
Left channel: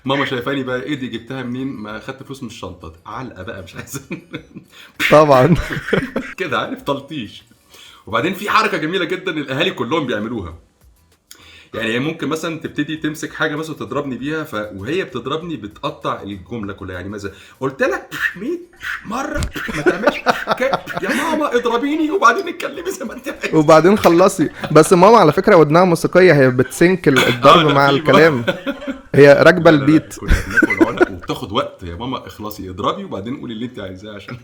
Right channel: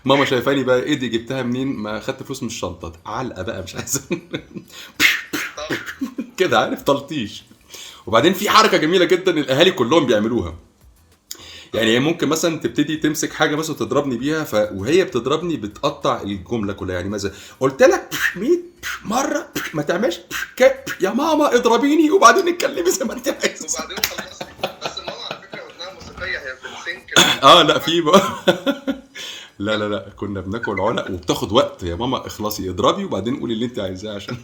ماما شايفاني بقى ايه دي جبتها منين؟ ما خدت فلوس من الشنطه. علقه بقى مش عايز طبعا. كده عارف تلطيش. وبعدين في حركه جميله جدا الاهالي كلهم بيعملوها، يعني هي ممكن مثلا تبتدي تمسك حاجه مثلا تضربني بيها، وهي بتضربني بتقطع الجمله كلها. يعني مثلا قلت لك 100 مره ما تعملش يا ماما اضربيني وبعدين اتكلمي زي ما انت عايزه وبعدين خلصي. بس ماما على فكره ودنها موسيقيه، هي بتسنك الضرب لا، مع في الكلام، هي راكبه لا لا لا، البيت. كنا بناكل عنق وبتاخد وقت. يا ماما اخلصي اضربي وبعدين قولي اللي انت عايزاه عشان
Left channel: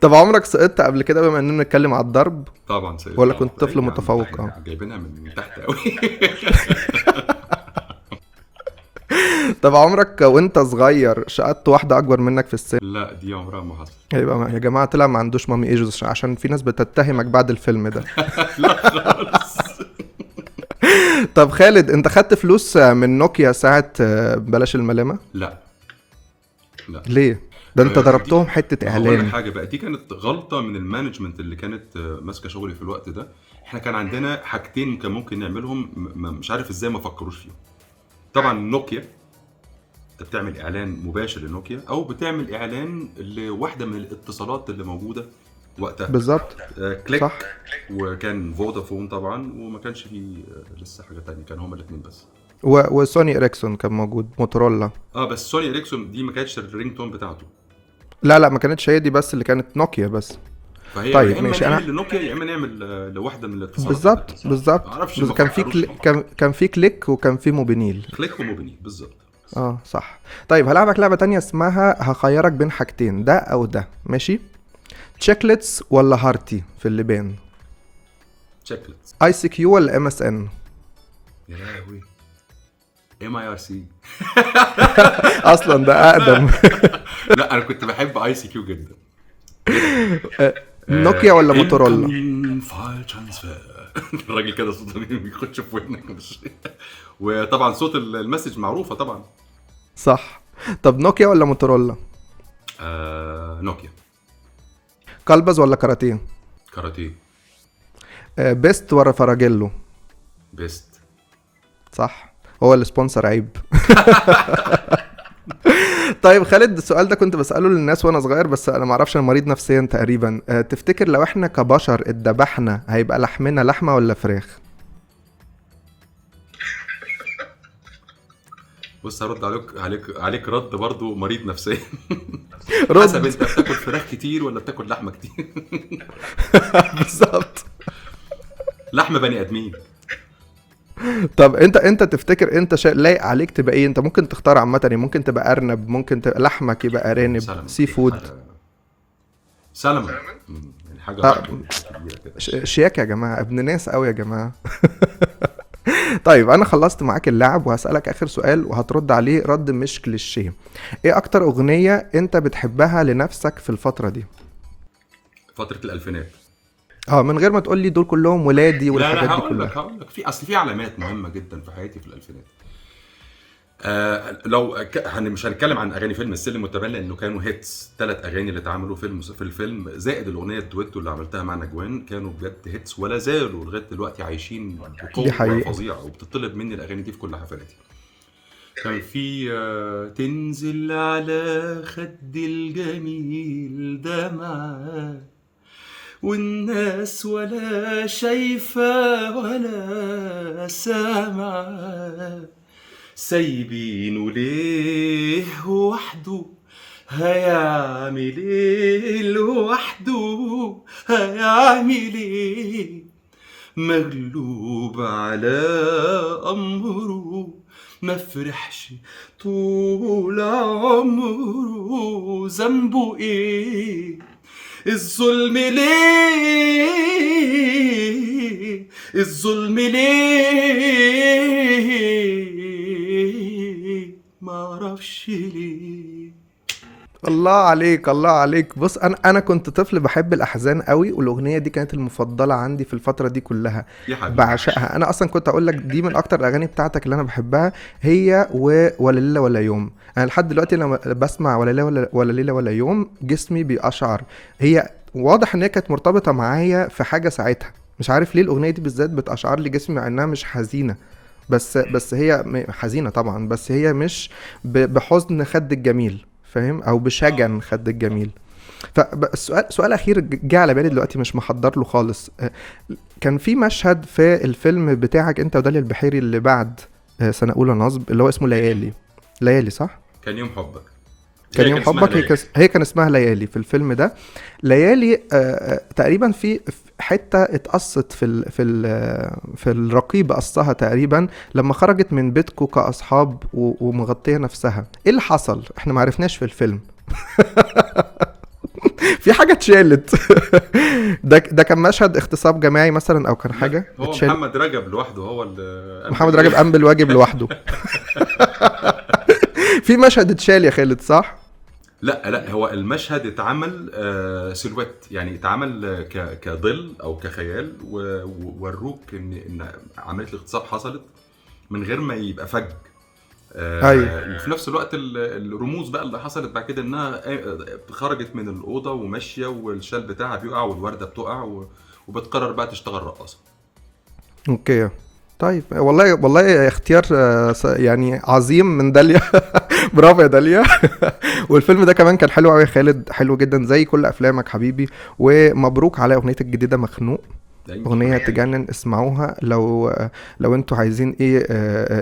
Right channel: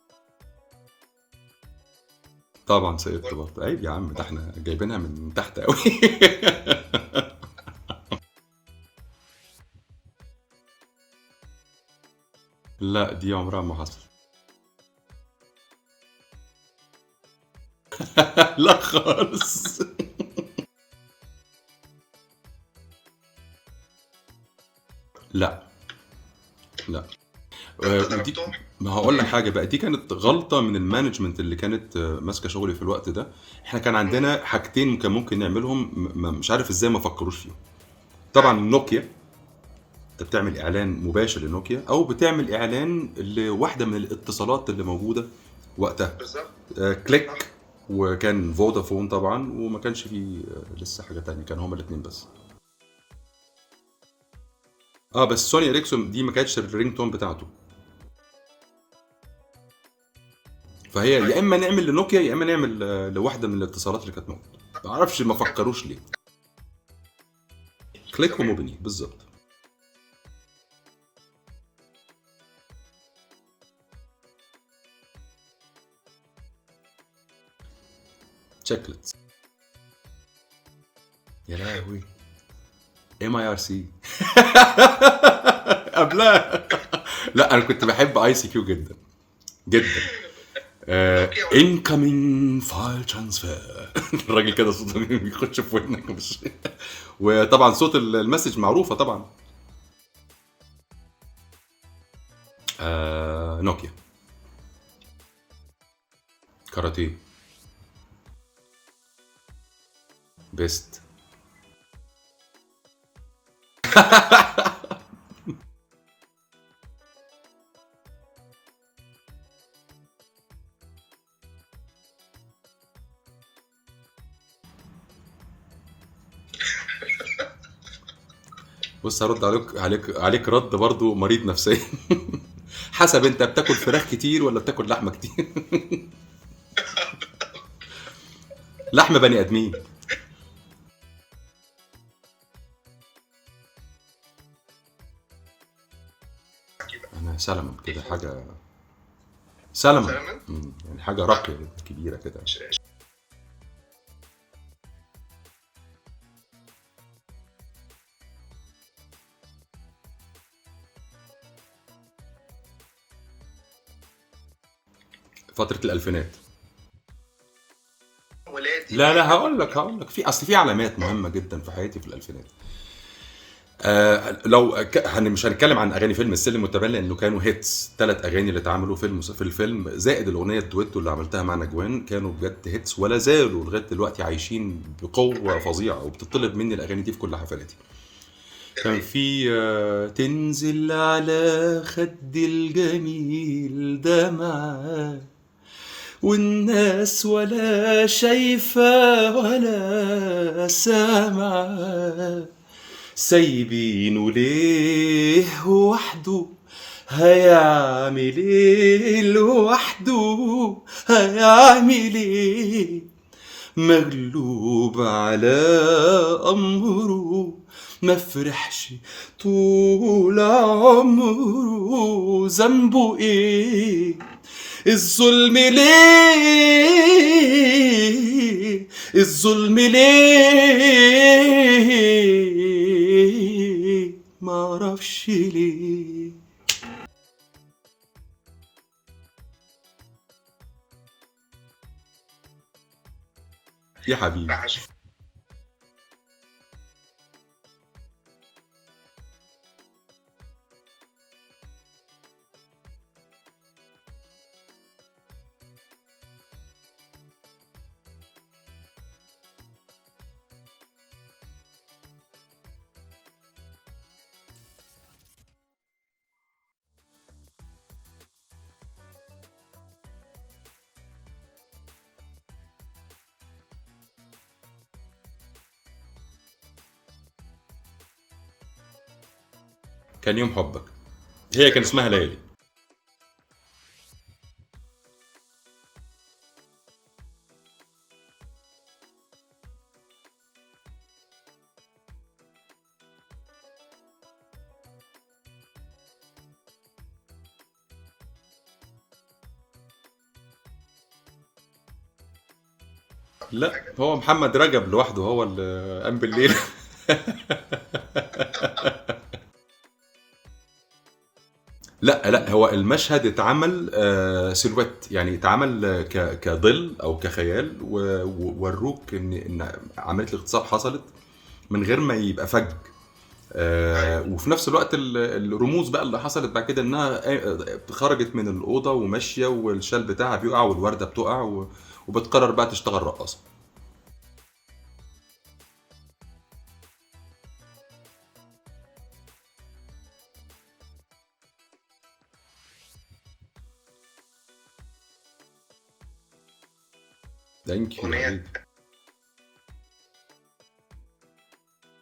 طب عمرك سقطت قبل كده بما اننا بنتكلم على الضرب؟ طبعا سيد. ولا كنت طفل أيوة يا عم، متفوق؟ احنا جايبينها من تحت قوي. طب عمرك وانت صغير شقطت واحده اكبر منك في السن؟ لا دي عمرها ما حصل. يبقى يا جماعه طلع ما عندوش مامي ايجوز، عشان في ناس بتتهمك بعد الفيلم ده. لا خالص. طب خالد، انت خدت فلوس من نوكيا ساعه بلاش الملامه؟ لا ليه؟ ده انت دي- ضربتهم حته هقول لك اعلان. حاجه بقى، دي كانت غلطه من المانجمنت اللي كانت ماسكه شغلي في الوقت ده. احنا كان عندنا حاجتين كان ممكن نعملهم، مش عارف ازاي ما فكروش فيهم. طبعا نوكيا انت بتعمل اعلان مباشر لنوكيا، او بتعمل اعلان لواحده من الاتصالات اللي موجوده وقتها. بالظبط. كليك صح. وكان فودافون طبعا، وما كانش فيه لسه حاجه تانية، كان هما الاثنين بس. وسوني اريكسون كان موجود، موتورولا. بس سوني اريكسون دي ما كانتش الرينج تون بتاعته، لا ما كانتش هي دي بس اللي كانت نوكيا بس. فهي طيب، يا اما ماشي، نعمل لنوكيا يا اما نعمل لواحده من الاتصالات. بالظبط. ما اعرفش، ما كان في فكروش ليه. كان في كليك وكان في موبينيل. كليك وموبينيل بالظبط. صح. طيب هلعبك لعبه تانية اسمها هخيرك بين حاجتين، ده او ده، ماشي؟ تشيكلتس ولا هارتي في اللبان؟ تشيكلتس. اي سي كيو ولا ام اس ان؟ يا لهوي، MIRC. اصلا ده اقدم. لا انا كنت بحب ICQ جدا جدا. نوكيا ولا موتورولا؟ incoming file transfer. الراجل كده صوته بيخش في ودنك مش. وطبعا صوت المسج معروفه طبعا. صح. طب نوكيا ولا موتورولا؟ نوكيا. كلبز ولا كاراتيه؟ كاراتيه. بيست ولا فراجيلو؟ بيست. صح، هو السبونسر عيب. طيب خالد، السؤال ده كنت بسأله للناس وانا صغير، بس انا معرفش، انا مريض نفسيا تقريبا. تفتكر لو احنا كبشر اتذبحنا هيبقى لحمنا لحمة ولا فراخ؟ بص هرد عليك رد برضو مريض نفسيا. حسب انت بتاكل فراخ كتير ولا بتاكل لحمه كتير. بالظبط. لحمه بني ادمين. طب انت تفتكر انت لايق عليك تبقى ايه؟ انت ممكن تختار عامه، يعني ممكن تبقى ارنب، ممكن تبقى لحمك يبقى ارانب، سي فود. سلمون. يعني حاجه راقيه كبيره كده. شياكه يا جماعه، ابن ناس قوي يا جماعه. طيب انا خلصت معاك اللعب وهسألك اخر سؤال وهترد عليه رد مش كليشيه. ايه اكتر اغنيه انت بتحبها لنفسك في الفتره دي؟ فتره الالفينات. من غير ما تقول لي دول كلهم ولادي. لا هقول لك في اصل في علامات مهمه جدا في حياتي في الالفينات. لو مش هنتكلم عن اغاني فيلم السلم والتبان لانه كانوا هيتس. 3 اغاني اللي اتعملوا في الفيلم زائد الاغنيه الدويتو اللي عملتها مع نجوان كانوا بجد هيتس، ولا زالوا لغايه دلوقتي عايشين بقوه فظيعه، وبتطلب مني الاغاني دي في كل حفلاتي. كان في تنزل على خد الجميل دمعة والناس ولا شايفة ولا سامعة، سايبينه ليه وحده هيعمل ايه لوحده هيعمل ايه، مغلوب على امره ما فرحش طول عمره، ذنبه ايه الظلم ليه الظلم ليه معرفش ليه. الله عليك الله عليك. بص انا كنت طفل بحب الاحزان قوي، والاغنيه دي كانت المفضله عندي في الفتره دي كلها، يا حبيبي بعشقها. انا اصلا كنت اقول لك دي من اكتر الاغاني بتاعتك اللي انا بحبها، هي ولا ليله ولا يوم. انا لحد دلوقتي لما بسمع ولا ليله ولا يوم جسمي بيقشعر. هي واضح ان هي كانت مرتبطه معايا في حاجه ساعتها. مش عارف ليه الاغنيه دي بالذات بتأشعر لي جسمي مع انها مش حزينه، بس هي حزينه طبعا، بس هي مش بحزن خد الجميل، فاهم؟ او بشجن خد الجميل. سؤال اخير جه على بالي دلوقتي، مش محضر له خالص. كان في مشهد في الفيلم بتاعك انت وداليا البحيري اللي بعد سنه اولى نصب، اللي هو اسمه ليالي صح؟ كان يوم حبك. هي كان اسمها ليالي. هي كان اسمها ليالي في الفيلم ده. ليالي تقريبا في حته اتقصت في الرقيب، قصها تقريبا لما خرجت من بيتكو كاصحاب ومغطيه نفسها. ايه اللي حصل؟ احنا ما عرفناش في الفيلم. في حاجه اتشالت. ده كان مشهد اغتصاب جماعي مثلا، او كان حاجه هو اتشالت؟ محمد رجب لوحده هو اللي محمد رجب قام بالواجب لوحده. في مشهد اتشال يا خالد صح؟ لا هو المشهد اتعمل سيلويت، يعني اتعمل كظل او كخيال، ووروك ان عمليه الاغتصاب حصلت من غير ما يبقى فج. أيوة. وفي نفس الوقت الرموز بقى اللي حصلت بعد كده انها خرجت من الاوضه وماشيه والشال بتاعها بيقع والورده بتقع وبتقرر بقى تشتغل رقاصه. اوكي طيب، والله اختيار يعني عظيم من داليا. برافو يا داليا. والفيلم ده كمان كان حلو قوي يا خالد، حلو جدا زي كل افلامك حبيبي. ومبروك على اغنيتك الجديده مخنوق، اغنيه تجنن، اسمعوها لو انتوا عايزين ايه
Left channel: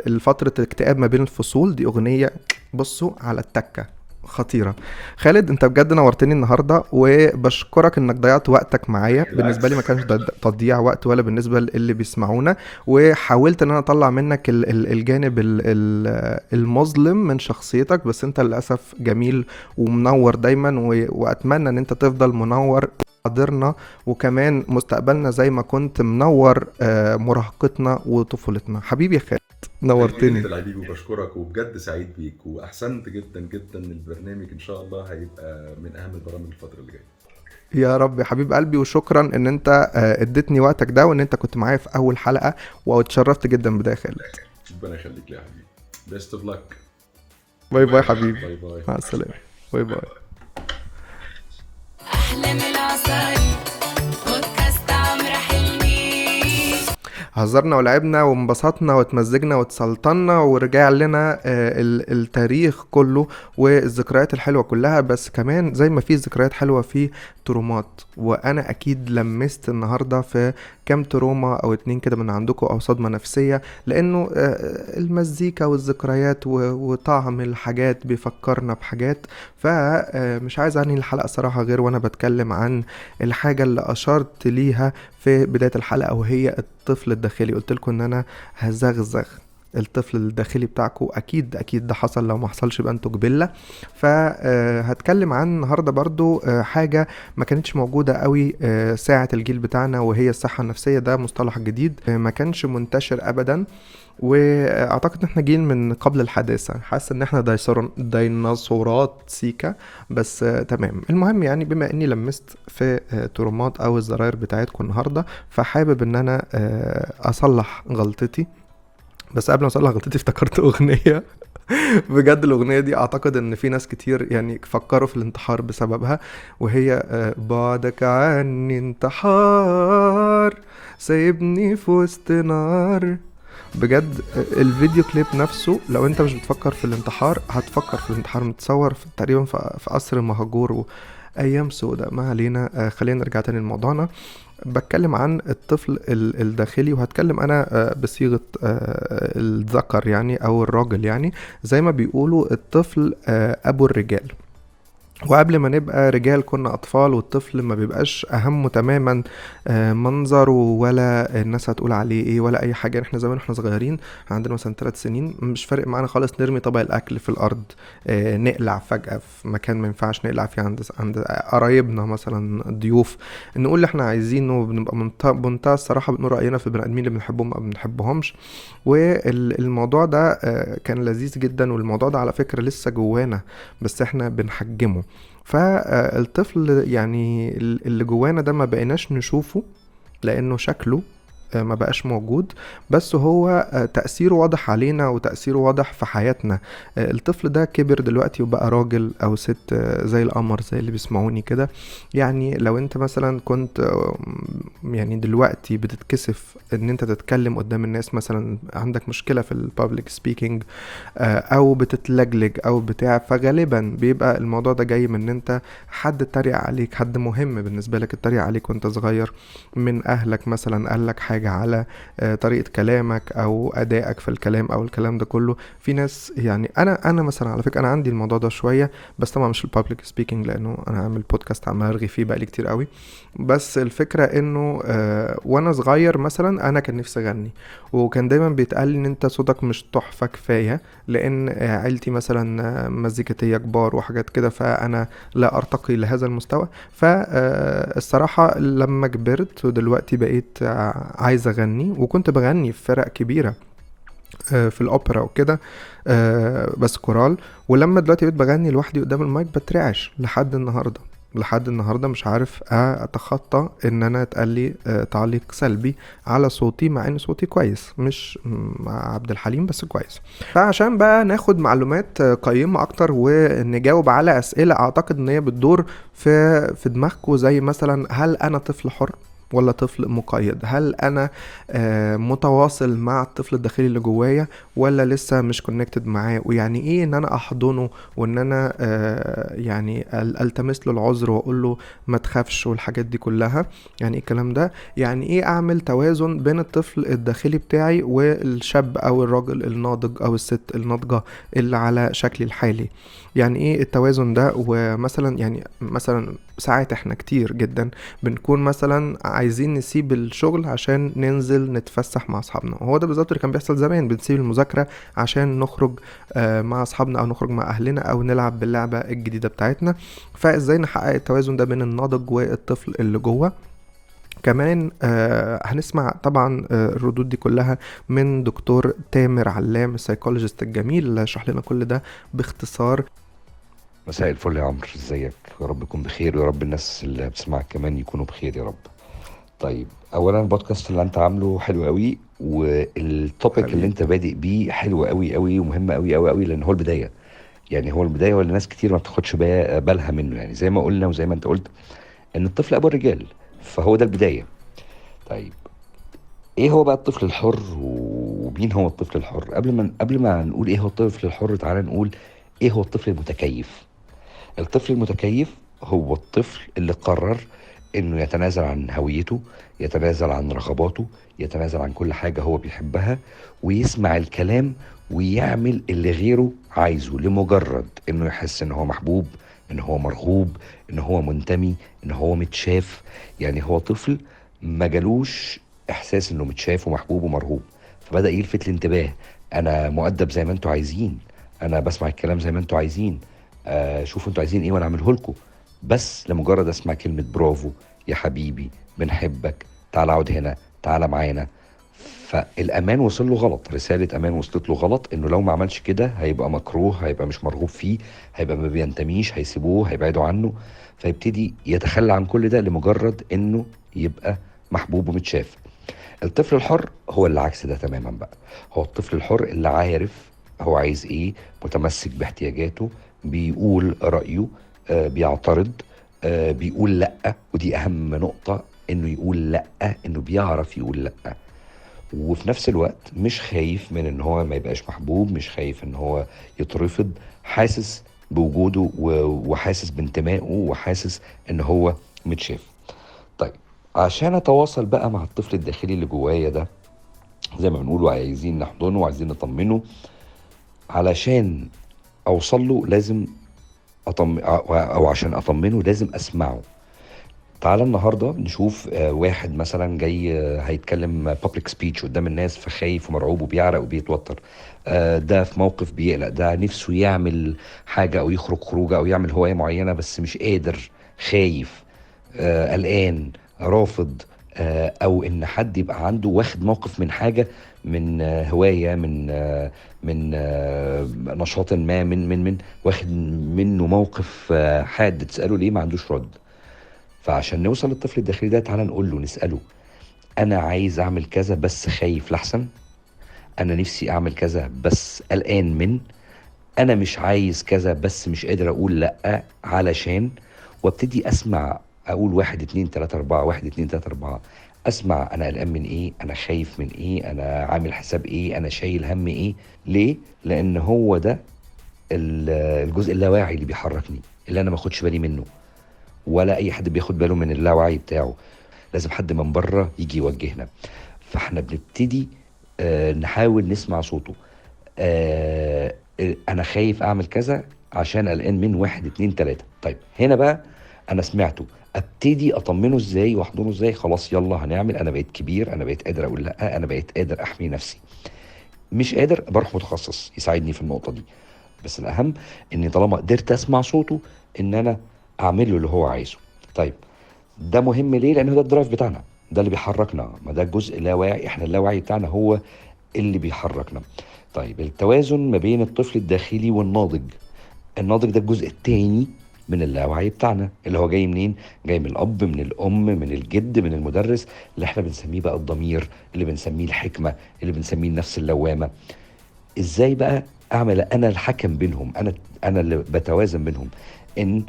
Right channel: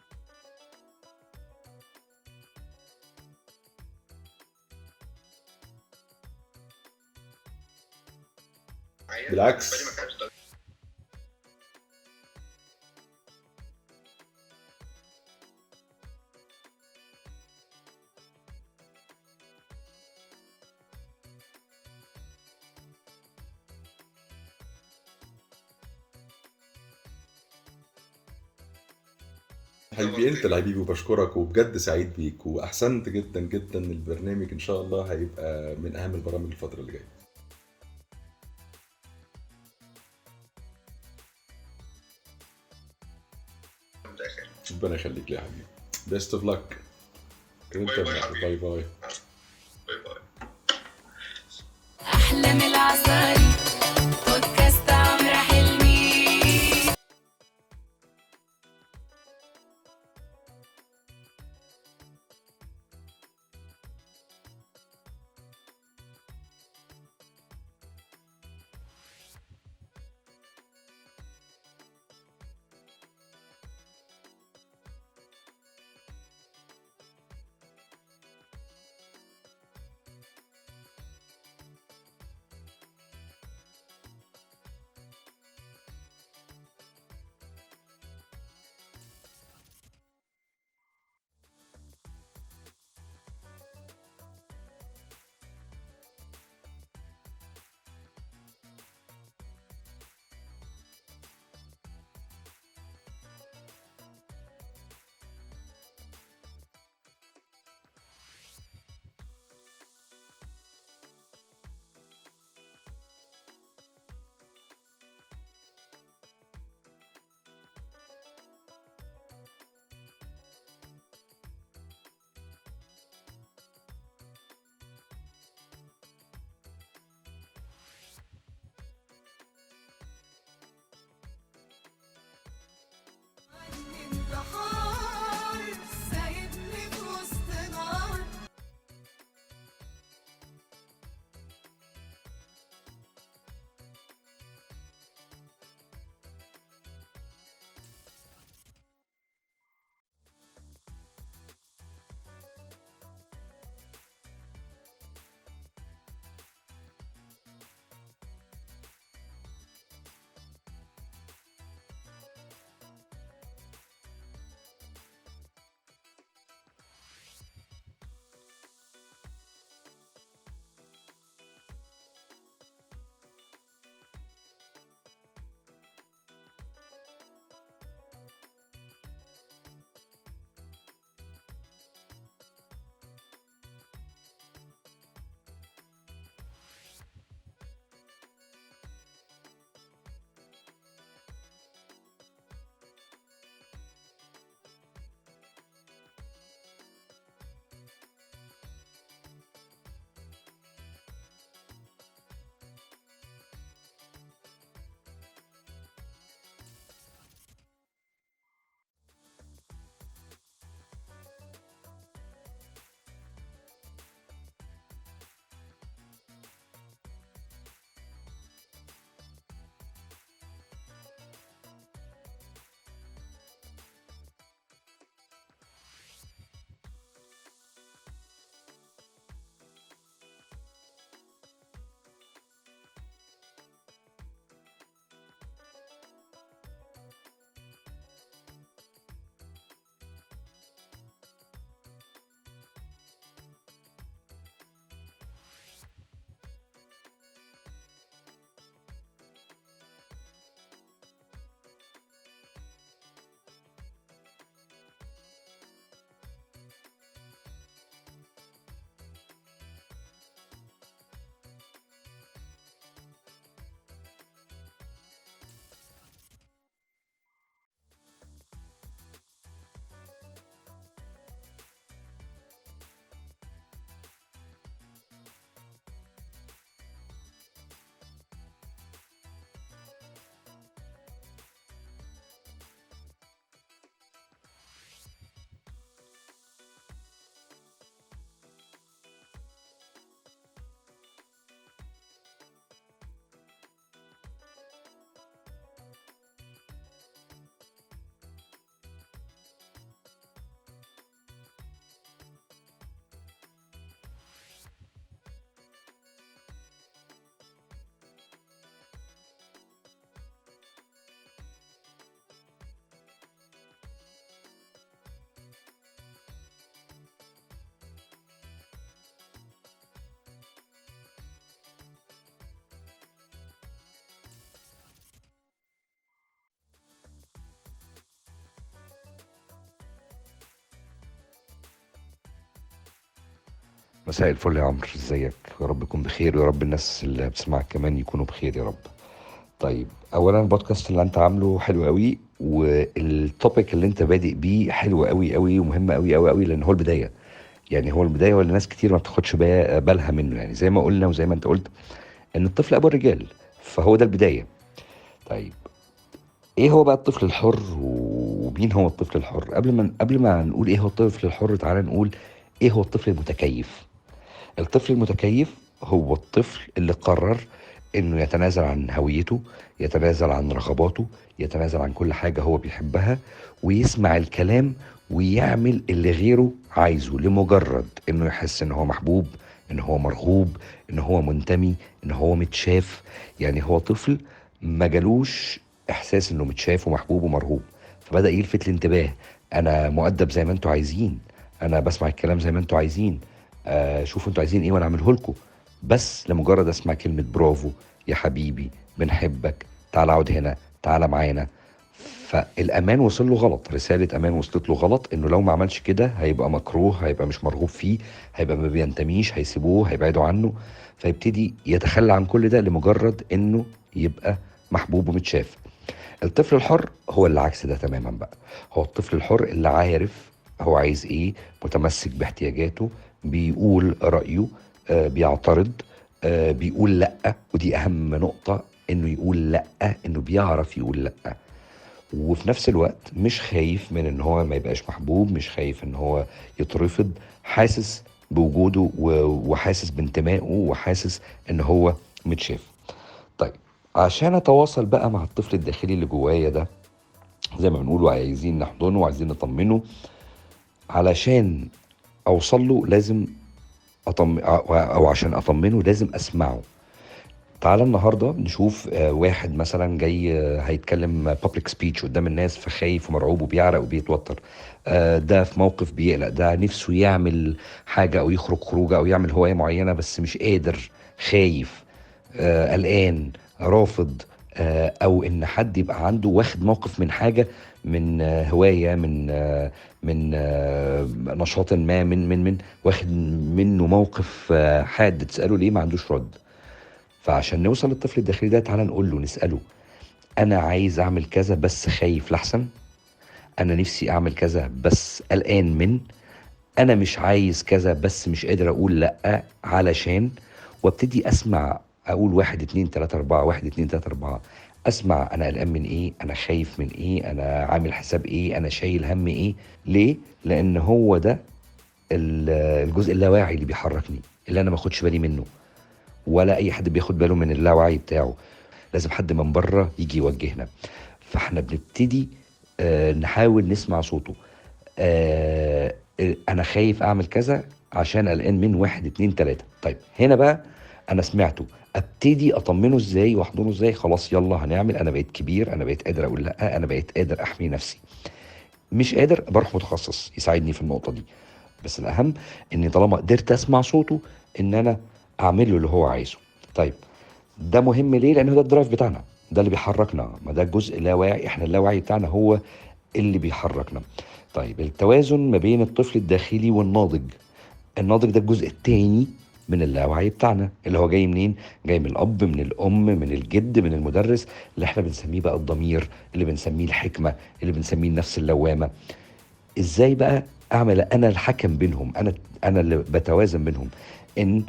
الفتره الاكتئاب ما بين الفصول. دي اغنيه بصوا على التكه خطيره. خالد انت بجد نورتني النهارده، وبشكرك انك ضيعت وقتك معايا. بالنسبه لي ما كانش تضييع وقت ولا بالنسبه اللي بيسمعونا، وحاولت ان انا اطلع منك الجانب المظلم من شخصيتك، بس انت للاسف جميل ومنور دايما، واتمنى ان انت تفضل منور حاضرنا وكمان مستقبلنا زي ما كنت منور مراهقتنا وطفولتنا. حبيبي يا خالد نورتني. انت الحبيبي، وبشكرك وبجد سعيد بيك، واحسنت جدا جدا. البرنامج ان شاء الله هيبقى من اهم البرامج الفتره اللي جايه. يا رب يا حبيب قلبي، وشكرا ان انت اديتني وقتك ده، وان انت كنت معايا في اول حلقه، واتشرفت جدا بده يا خالد. ربنا يخليك لي يا حبيبي. بيست اوف لك. باي باي حبيبي. باي باي. مع السلامه. باي باي. هزرنا ولعبنا وانبسطنا واتمزجنا واتسلطنا، ورجع لنا التاريخ كله والذكريات الحلوة كلها، بس كمان زي ما في ذكريات حلوة في ترومات. وانا اكيد لمست النهاردة في كام تروما او اتنين كده من عندكم، او صدمة نفسية، لانه المزيكا والذكريات وطعم الحاجات بيفكرنا بحاجات. فمش عايز عني الحلقة صراحة غير وانا بتكلم عن الحاجة اللي اشرت ليها في بداية الحلقة، وهي الطفل الداخلي. قلت لكم ان انا هزغزغ الطفل الداخلي بتاعكم. اكيد ده حصل، لو ما حصلش يبقى انتوا جبلة. فهتكلم عن النهاردة برضو حاجة ما كانتش موجودة قوي ساعة الجيل بتاعنا، وهي الصحة النفسية. ده مصطلح جديد ما كانش منتشر ابدا، واعتقد ان احنا جيل من قبل الحداثة. حاسس ان احنا ديناصورات سيكا، بس تمام. المهم يعني بما اني لمست في ترومات او الزراير بتاعتكم النهاردة، فحابب ان انا اصلح غلطتي. بس قبل ما اصلح غلطتي افتكرت اغنية. بجد الاغنية دي اعتقد ان في ناس كتير يعني فكروا في الانتحار بسببها، وهي بعدك عني انتحار سايبني في وسط نار. بجد الفيديو كليب نفسه، لو انت مش بتفكر في الانتحار هتفكر في الانتحار. متصور تقريبا في قصر مهجور وايام سوداء. ما علينا، خلينا نرجع تاني لموضوعنا. بتكلم عن الطفل الداخلي، وهتكلم انا بصيغة الذكر يعني او الراجل، يعني زي ما بيقولوا الطفل ابو الرجال. وقبل ما نبقى رجال كنا أطفال، والطفل ما بيبقاش أهمه تماما منظره ولا الناس هتقول عليه إيه ولا أي حاجة. إحنا زمان إحنا صغيرين عندنا مثلا 3 سنين مش فارق معانا خالص نرمي طبق الأكل في الأرض، نقلع فجأة في مكان ما ينفعش نقلع فيه عند قرايبنا مثلا ضيوف، نقول اللي إحنا عايزينه. بنبقى بمنتهى الصراحة بنقول رأينا في البني آدمين اللي بنحبهم أو بنحبهمش. والموضوع ده كان لذيذ جدا، والموضوع ده على فكرة لسه جوانا بس إحنا بنحجمه. فالطفل يعني اللي جوانا ده ما بقيناش نشوفه لانه شكله ما بقاش موجود، بس هو تأثيره واضح علينا وتأثيره واضح في حياتنا. الطفل ده كبر دلوقتي وبقى راجل او ست زي القمر، زي اللي بيسمعوني كده. يعني لو انت مثلا كنت يعني دلوقتي بتتكسف ان انت تتكلم قدام الناس، مثلا عندك مشكلة في البابليك سبيكينج او بتتلجلج او بتاع، فغالبا بيبقى الموضوع ده جاي من ان انت حد اتريق عليك، حد مهم بالنسبة لك اتريق عليك وانت صغير، من اهلك مثلا قال لك حاجة على طريقة كلامك او ادائك في الكلام او الكلام ده كله. في ناس يعني انا مثلا على فكرة انا عندي الموضوع ده شوية، بس طبعا مش البابليك سبيكينج لانه انا عامل بودكاست عمال ارغي فيه بقالي كتير قوي. بس الفكرة انه وانا صغير مثلا انا كان نفسي اغني، وكان دايما بيتقال لي ان انت صوتك مش تحفة كفاية، لان عيلتي مثلا مزيكتية كبار وحاجات كده، فانا لا ارتقي لهذا المستوى. فالصراحة لما كبرت ودلوقتي بقيت عايز اغني، وكنت بغني في فرق كبيرة في الأوبرا وكده، بس كورال. ولما دلوقتي بقيت بغني لوحدي قدام المايك بترعش لحد النهاردة مش عارف اتخطى ان انا اتقالي تعليق سلبي على صوتي، مع ان صوتي كويس، مش مع عبد الحليم بس كويس. فعشان بقى ناخد معلومات قيمة اكتر ونجاوب على اسئلة اعتقد ان هي بتدور في دماغكم، زي مثلا هل انا طفل حر ولا طفل مقيد؟ هل انا متواصل مع الطفل الداخلي اللي جوايا ولا لسه مش كونكتد معاه؟ ويعني ايه ان انا احضنه وان انا يعني التمس له العذر واقول له ما تخافش والحاجات دي كلها؟ يعني ايه الكلام ده؟ يعني ايه اعمل توازن بين الطفل الداخلي بتاعي والشاب او الراجل الناضج او الست الناضجة اللي على شكلي الحالي؟ يعني ايه التوازن ده؟ ومثلا يعني مثلا ساعات احنا كتير جدا بنكون مثلا عايزين نسيب الشغل عشان ننزل نتفسح مع اصحابنا، وهو ده بالظبط اللي كان بيحصل زمان، بنسيب المذاكرة عشان نخرج مع اصحابنا او نخرج مع اهلنا او نلعب باللعبة الجديدة بتاعتنا. فازاي نحقق التوازن ده بين الناضج والطفل اللي جوه؟ كمان هنسمع طبعا الردود دي كلها من دكتور تامر علام السايكولوجيست الجميل اللي هيشرح لنا كل ده باختصار. مساء الفل يا عمرو، ازيك؟ يا رب يكون بخير، ويا رب الناس اللي بتسمعك كمان يكونوا بخير يا رب. طيب، اولا البودكاست اللي انت عامله حلو قوي، والتوبيك اللي انت بادئ بيه حلو قوي قوي ومهم قوي قوي قوي، لان هو البدايه. يعني هو البدايه واللي ناس كتير ما بتاخدش بالها منه، يعني زي ما قلنا وزي ما انت قلت ان الطفل ابو الرجال، فهو ده البدايه. طيب، ايه هو بقى الطفل الحر ومين هو الطفل الحر؟ قبل ما نقول ايه هو الطفل الحر، تعالى نقول ايه هو الطفل المتكيف. الطفل المتكيف هو الطفل اللي قرر انه يتنازل عن هويته، يتنازل عن رغباته، يتنازل عن كل حاجة هو بيحبها، ويسمع الكلام ويعمل اللي غيره عايزه لمجرد انه يحس ان هو محبوب، ان هو مرغوب، ان هو منتمي، ان هو متشاف. يعني هو طفل ما جالوش احساس انه متشاف ومحبوب ومرغوب، فبدأ يلفت الانتباه. انا مؤدب زي ما انتوا عايزين، انا بسمع الكلام زي ما انتوا عايزين، شوفوا انتوا عايزين ايه وانا اعمله لكم، بس لمجرد اسمع كلمة برافو يا حبيبي، بنحبك، تعال اقعد هنا، تعال معانا. فالامان وصل له غلط، رسالة امان وصلت له غلط، انه لو ما عملش كده هيبقى مكروه، هيبقى مش مرغوب فيه، هيبقى ما بينتميش، هيسيبوه، هيبعدوا عنه. فيبتدي يتخلى عن كل ده لمجرد انه يبقى محبوب ومتشاف. الطفل الحر هو اللي عكس ده تماما بقى. هو الطفل الحر اللي عارف هو عايز ايه، متمسك باحتياجاته، بيقول رأيه، بيعترض، بيقول لأ، ودي أهم نقطة، إنه يقول لأ، إنه بيعرف يقول لأ. وفي نفس الوقت مش خايف من إن هو ما يبقاش محبوب، مش خايف إن هو يترفض، حاسس بوجوده وحاسس بانتمائه وحاسس إن هو متشاف. طيب، عشان أتواصل بقى مع الطفل الداخلي اللي جوايا ده، زي ما بنقول عايزين نحضنه وعايزين نطمنه، علشان أوصل له لازم أو عشان أطمنه لازم أسمعه. تعالى النهاردة نشوف واحد مثلا جاي هيتكلم public speech قدام الناس، فخايف ومرعوب وبيعرق وبيتوتر. ده في موقف بيقلق، ده نفسه يعمل حاجة أو يخرج خروجة أو يعمل هواية معينة بس مش قادر، خايف، قلقان، رافض، او ان حد يبقى عنده واخد موقف من حاجة، من هواية، من نشاط ما، من واخد منه موقف حاد، تسأله ليه ما عندوش رد. فعشان نوصل للطفل الداخلي ده، تعالى نقول له، نسأله انا عايز اعمل كذا بس خايف لحسن، انا نفسي اعمل كذا بس قلقان من، انا مش عايز كذا بس مش قادر اقول لا علشان. وابتدي اسمع، اقول 1 2 3 4 1 2 3 4. اسمع انا قلقان من ايه، انا خايف من ايه، انا عامل حساب ايه، انا شايل هم ايه. ليه؟ لان هو ده الجزء اللاواعي اللي بيحركني، اللي انا ما اخدش بالي منه، ولا اي حد بياخد باله من اللاوعي بتاعه. لازم حد من بره يجي يوجهنا. فاحنا بنبتدي نحاول نسمع صوته. انا خايف اعمل كذا عشان قلقان من 1 2 3. طيب هنا بقى انا سمعته، ابتدي اطمنه ازاي واحضنه ازاي؟ خلاص يلا هنعمل، انا بقيت كبير، انا بقيت قادر اقول لا، انا بقيت قادر احمي نفسي. مش قادر بروح متخصص يساعدني في النقطة دي. بس الاهم اني طالما قدرت اسمع صوته ان انا اعمل له اللي هو عايزه. طيب ده مهم ليه؟ لان ده الدرايف بتاعنا، ده اللي بيحركنا، ما ده الجزء اللاواعي، احنا اللاواعي بتاعنا هو اللي بيحركنا. طيب التوازن ما بين الطفل الداخلي والناضج. الناضج ده الجزء التاني من اللاوعي بتاعنا، اللي هو جاي منين؟ جاي من الاب، من الام، من الجد، من المدرس، اللي احنا بنسميه بقى الضمير، اللي بنسميه الحكمة، اللي بنسميه النفس اللوامة. ازاي بقى اعمل انا الحكم بينهم، انا اللي بتوازن بينهم؟ ان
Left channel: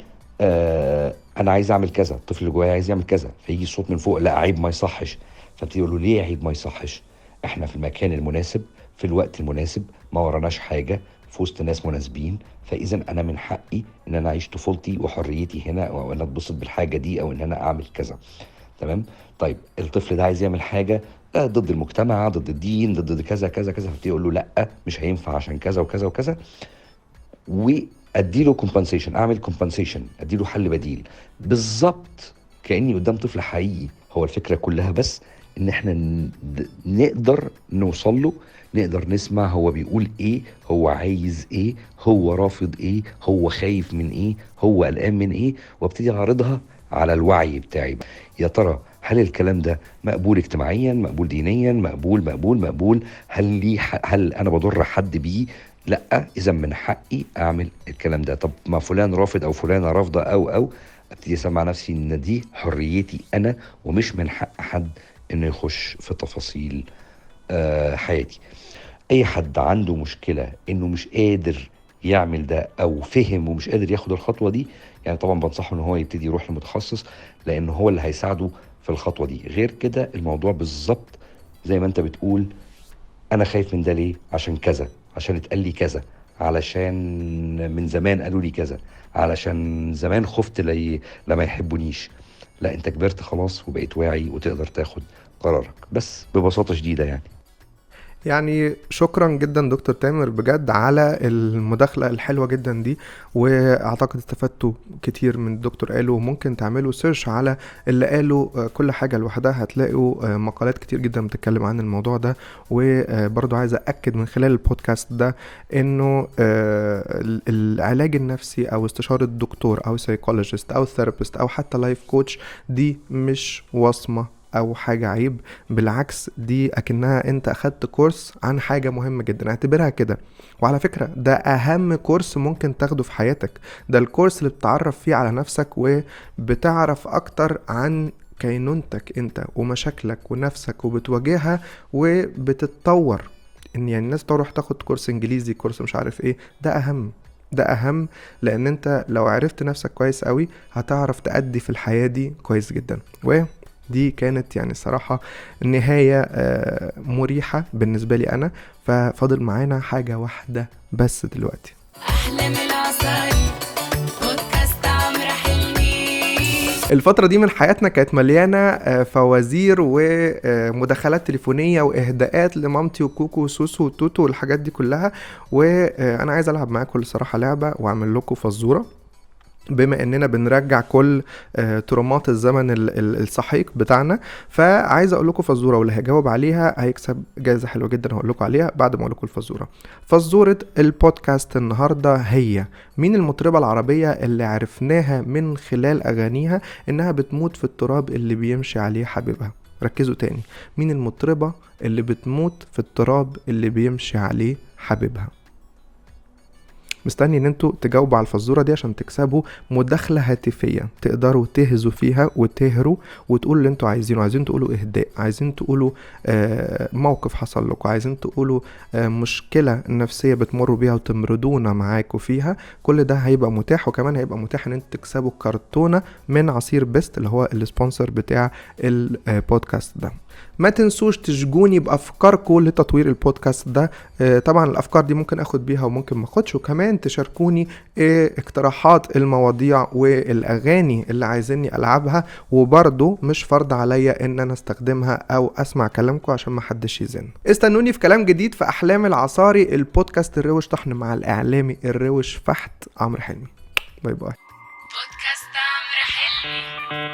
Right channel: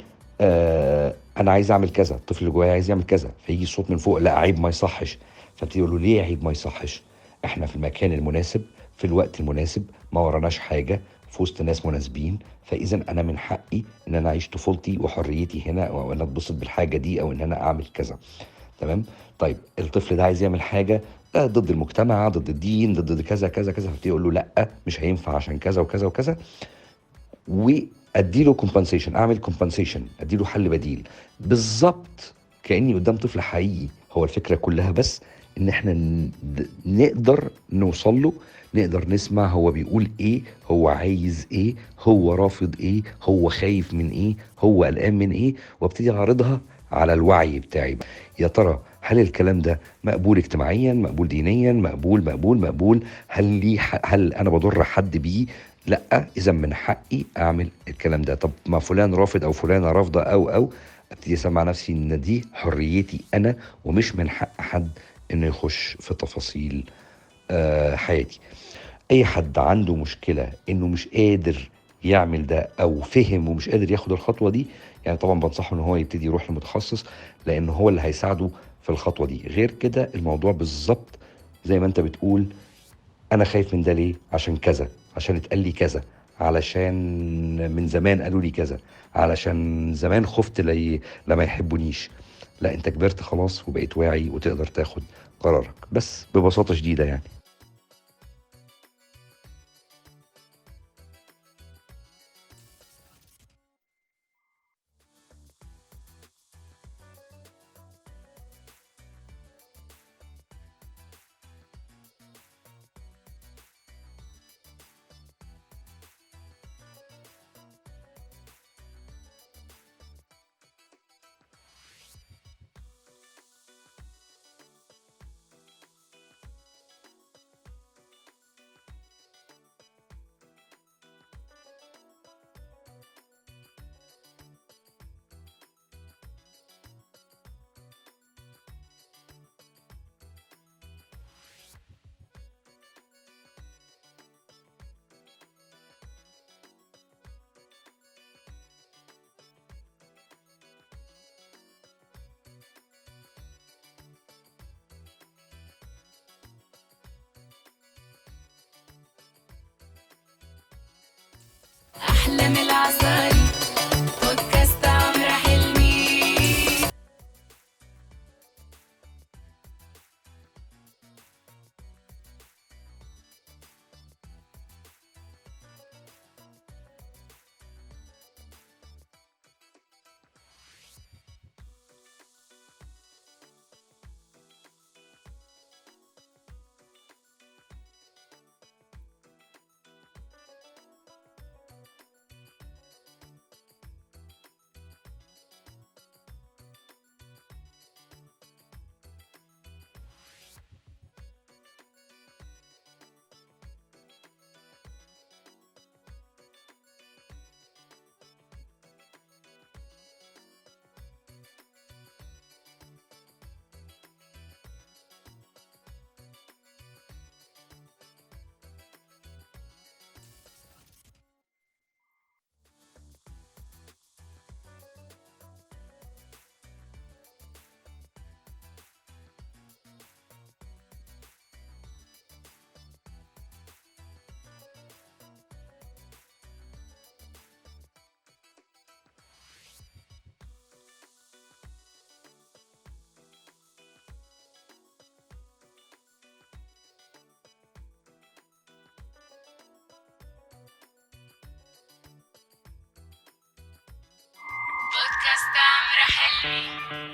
انا عايز اعمل كذا، الطفل اللي جوايا عايز يعمل كذا، فيجي الصوت من فوق لا عيب ما يصحش، فابتدي اقول له ليه عيب ما يصحش؟ احنا في المكان المناسب، في الوقت المناسب، ما وراناش حاجه، في وسط ناس مناسبين، فاذا انا من حقي ان انا اعيش طفولتي وحريتي هنا، او ان اتبسط بالحاجه دي، او ان انا اعمل كذا. تمام. طيب الطفل ده عايز يعمل حاجه ضد المجتمع، ضد الدين، ضد كذا كذا كذا، فابتدي اقول له لا مش هينفع عشان كذا وكذا وكذا، واديله كومبنسيشن، اعمل كومبنسيشن، اديله حل بديل بالظبط كاني قدام طفل حقيقي. هو الفكره كلها بس ان احنا نقدر نوصل له، نقدر نسمع هو بيقول ايه، هو عايز ايه، هو رافض ايه، هو خايف من ايه، هو قلقان من ايه، وابتدي اعرضها على الوعي بتاعي. يا ترى هل الكلام ده مقبول اجتماعيا، مقبول دينيا، مقبول؟ هل انا بضر حد بيه؟ لا، اذا من حقي اعمل الكلام ده. طب ما فلان رافض او فلانه رافضه او ابتدي اسمع نفسي ان دي حريتي انا، ومش من حق حد انه يخش في تفاصيل حياتي. اي حد عنده مشكله انه مش قادر يعمل ده، او فهم ومش قادر ياخد الخطوه دي، يعني طبعا بنصحه ان هو يبتدي يروح لمتخصص، لان هو اللي هيساعده في الخطوه دي. غير كده الموضوع بالظبط زي ما انت بتقول، انا خايف من ده ليه؟ عشان كذا، عشان اتقال لي كذا، علشان من زمان قالوا لي كذا، علشان زمان خفت لما يحبونيش. لا، انت كبرت خلاص وبقيت واعي وتقدر تاخد قرارك، بس ببساطة شديدة يعني. يعني شكرا جدا دكتور تامر بجد على المداخلة الحلوة جدا دي، واعتقد استفدتوا كتير من الدكتور قاله، وممكن تعملوا سيرش على اللي قاله كل حاجة لوحدها، هتلاقوا مقالات كتير جدا بتتكلم عن الموضوع ده. وبرضو عايز أأكد من خلال البودكاست ده انه العلاج النفسي او استشارة الدكتور او سايكولوجيست او ثيرابيست او حتى لايف كوتش دي مش وصمة او حاجة عيب، بالعكس دي اكنها انت اخدت كورس عن حاجة مهمة جدا، اعتبرها كده. وعلى فكرة ده اهم كورس ممكن تاخده في حياتك، ده الكورس اللي بتعرف فيه على نفسك وبتعرف اكتر عن كينونتك انت ومشاكلك ونفسك، وبتواجهها وبتتطور. ان يعني الناس تروح تاخد كورس انجليزي، كورس مش عارف ايه، ده اهم لان انت لو عرفت نفسك كويس قوي هتعرف تأدي في الحياة دي كويس جدا. دي كانت يعني الصراحة نهاية مريحة بالنسبة لي أنا. ففاضل معانا حاجة واحدة بس دلوقتي. أحلى من العصاير بودكاست عمرو حلمي. الفترة دي من حياتنا كانت مليانة فوازير ومداخلات تليفونية وإهداءات لمامتي وكوكو وسوسو وتوتو والحاجات دي كلها، وأنا عايز ألعب معاكم الصراحة لعبة وأعمل لكم فزورة، بما اننا بنرجع كل ترومات الزمن السحيق بتاعنا. فعايز اقول لكم فزوره، واللي هيجاوب عليها هيكسب جائزه حلوه جدا هقول لكم عليها بعد ما اقول لكم الفزوره. فزوره البودكاست النهارده هي: مين المطربه العربيه اللي عرفناها من خلال اغانيها انها بتموت في التراب اللي بيمشي عليه حبيبها؟ ركزوا تاني، مين المطربه اللي بتموت في التراب اللي بيمشي عليه حبيبها؟ مستني ان انتوا تجاوبوا على الفزورة دي عشان تكسبوا مداخلة هاتفية تقدروا تهزوا فيها وتهروا وتقولوا اللي انتوا عايزينه. عايزين تقولوا اهداء، عايزين تقولوا موقف حصل لكم، عايزين تقولوا مشكلة نفسية بتمروا بيها وتمردونا معاكم فيها، كل ده هيبقى متاح. وكمان هيبقى متاح ان انتوا تكسبوا كرتونة من عصير بيست اللي هو السبونسر بتاع البودكاست ده. ما تنسوش تشجوني بافكاركم لتطوير البودكاست ده. طبعا الافكار دي ممكن اخد بيها وممكن ما اخدش، وكمان تشاركوني اقتراحات المواضيع والاغاني اللي عايزيني العبها، وبرضو مش فرض عليا ان انا استخدمها او اسمع كلامكم عشان ما حدش يزن. استنوني في كلام جديد في احلام العصاري، البودكاست الروش طحن مع الاعلامي الروش فحت عمرو حلمي. باي باي. بودكاست عمرو حلمي.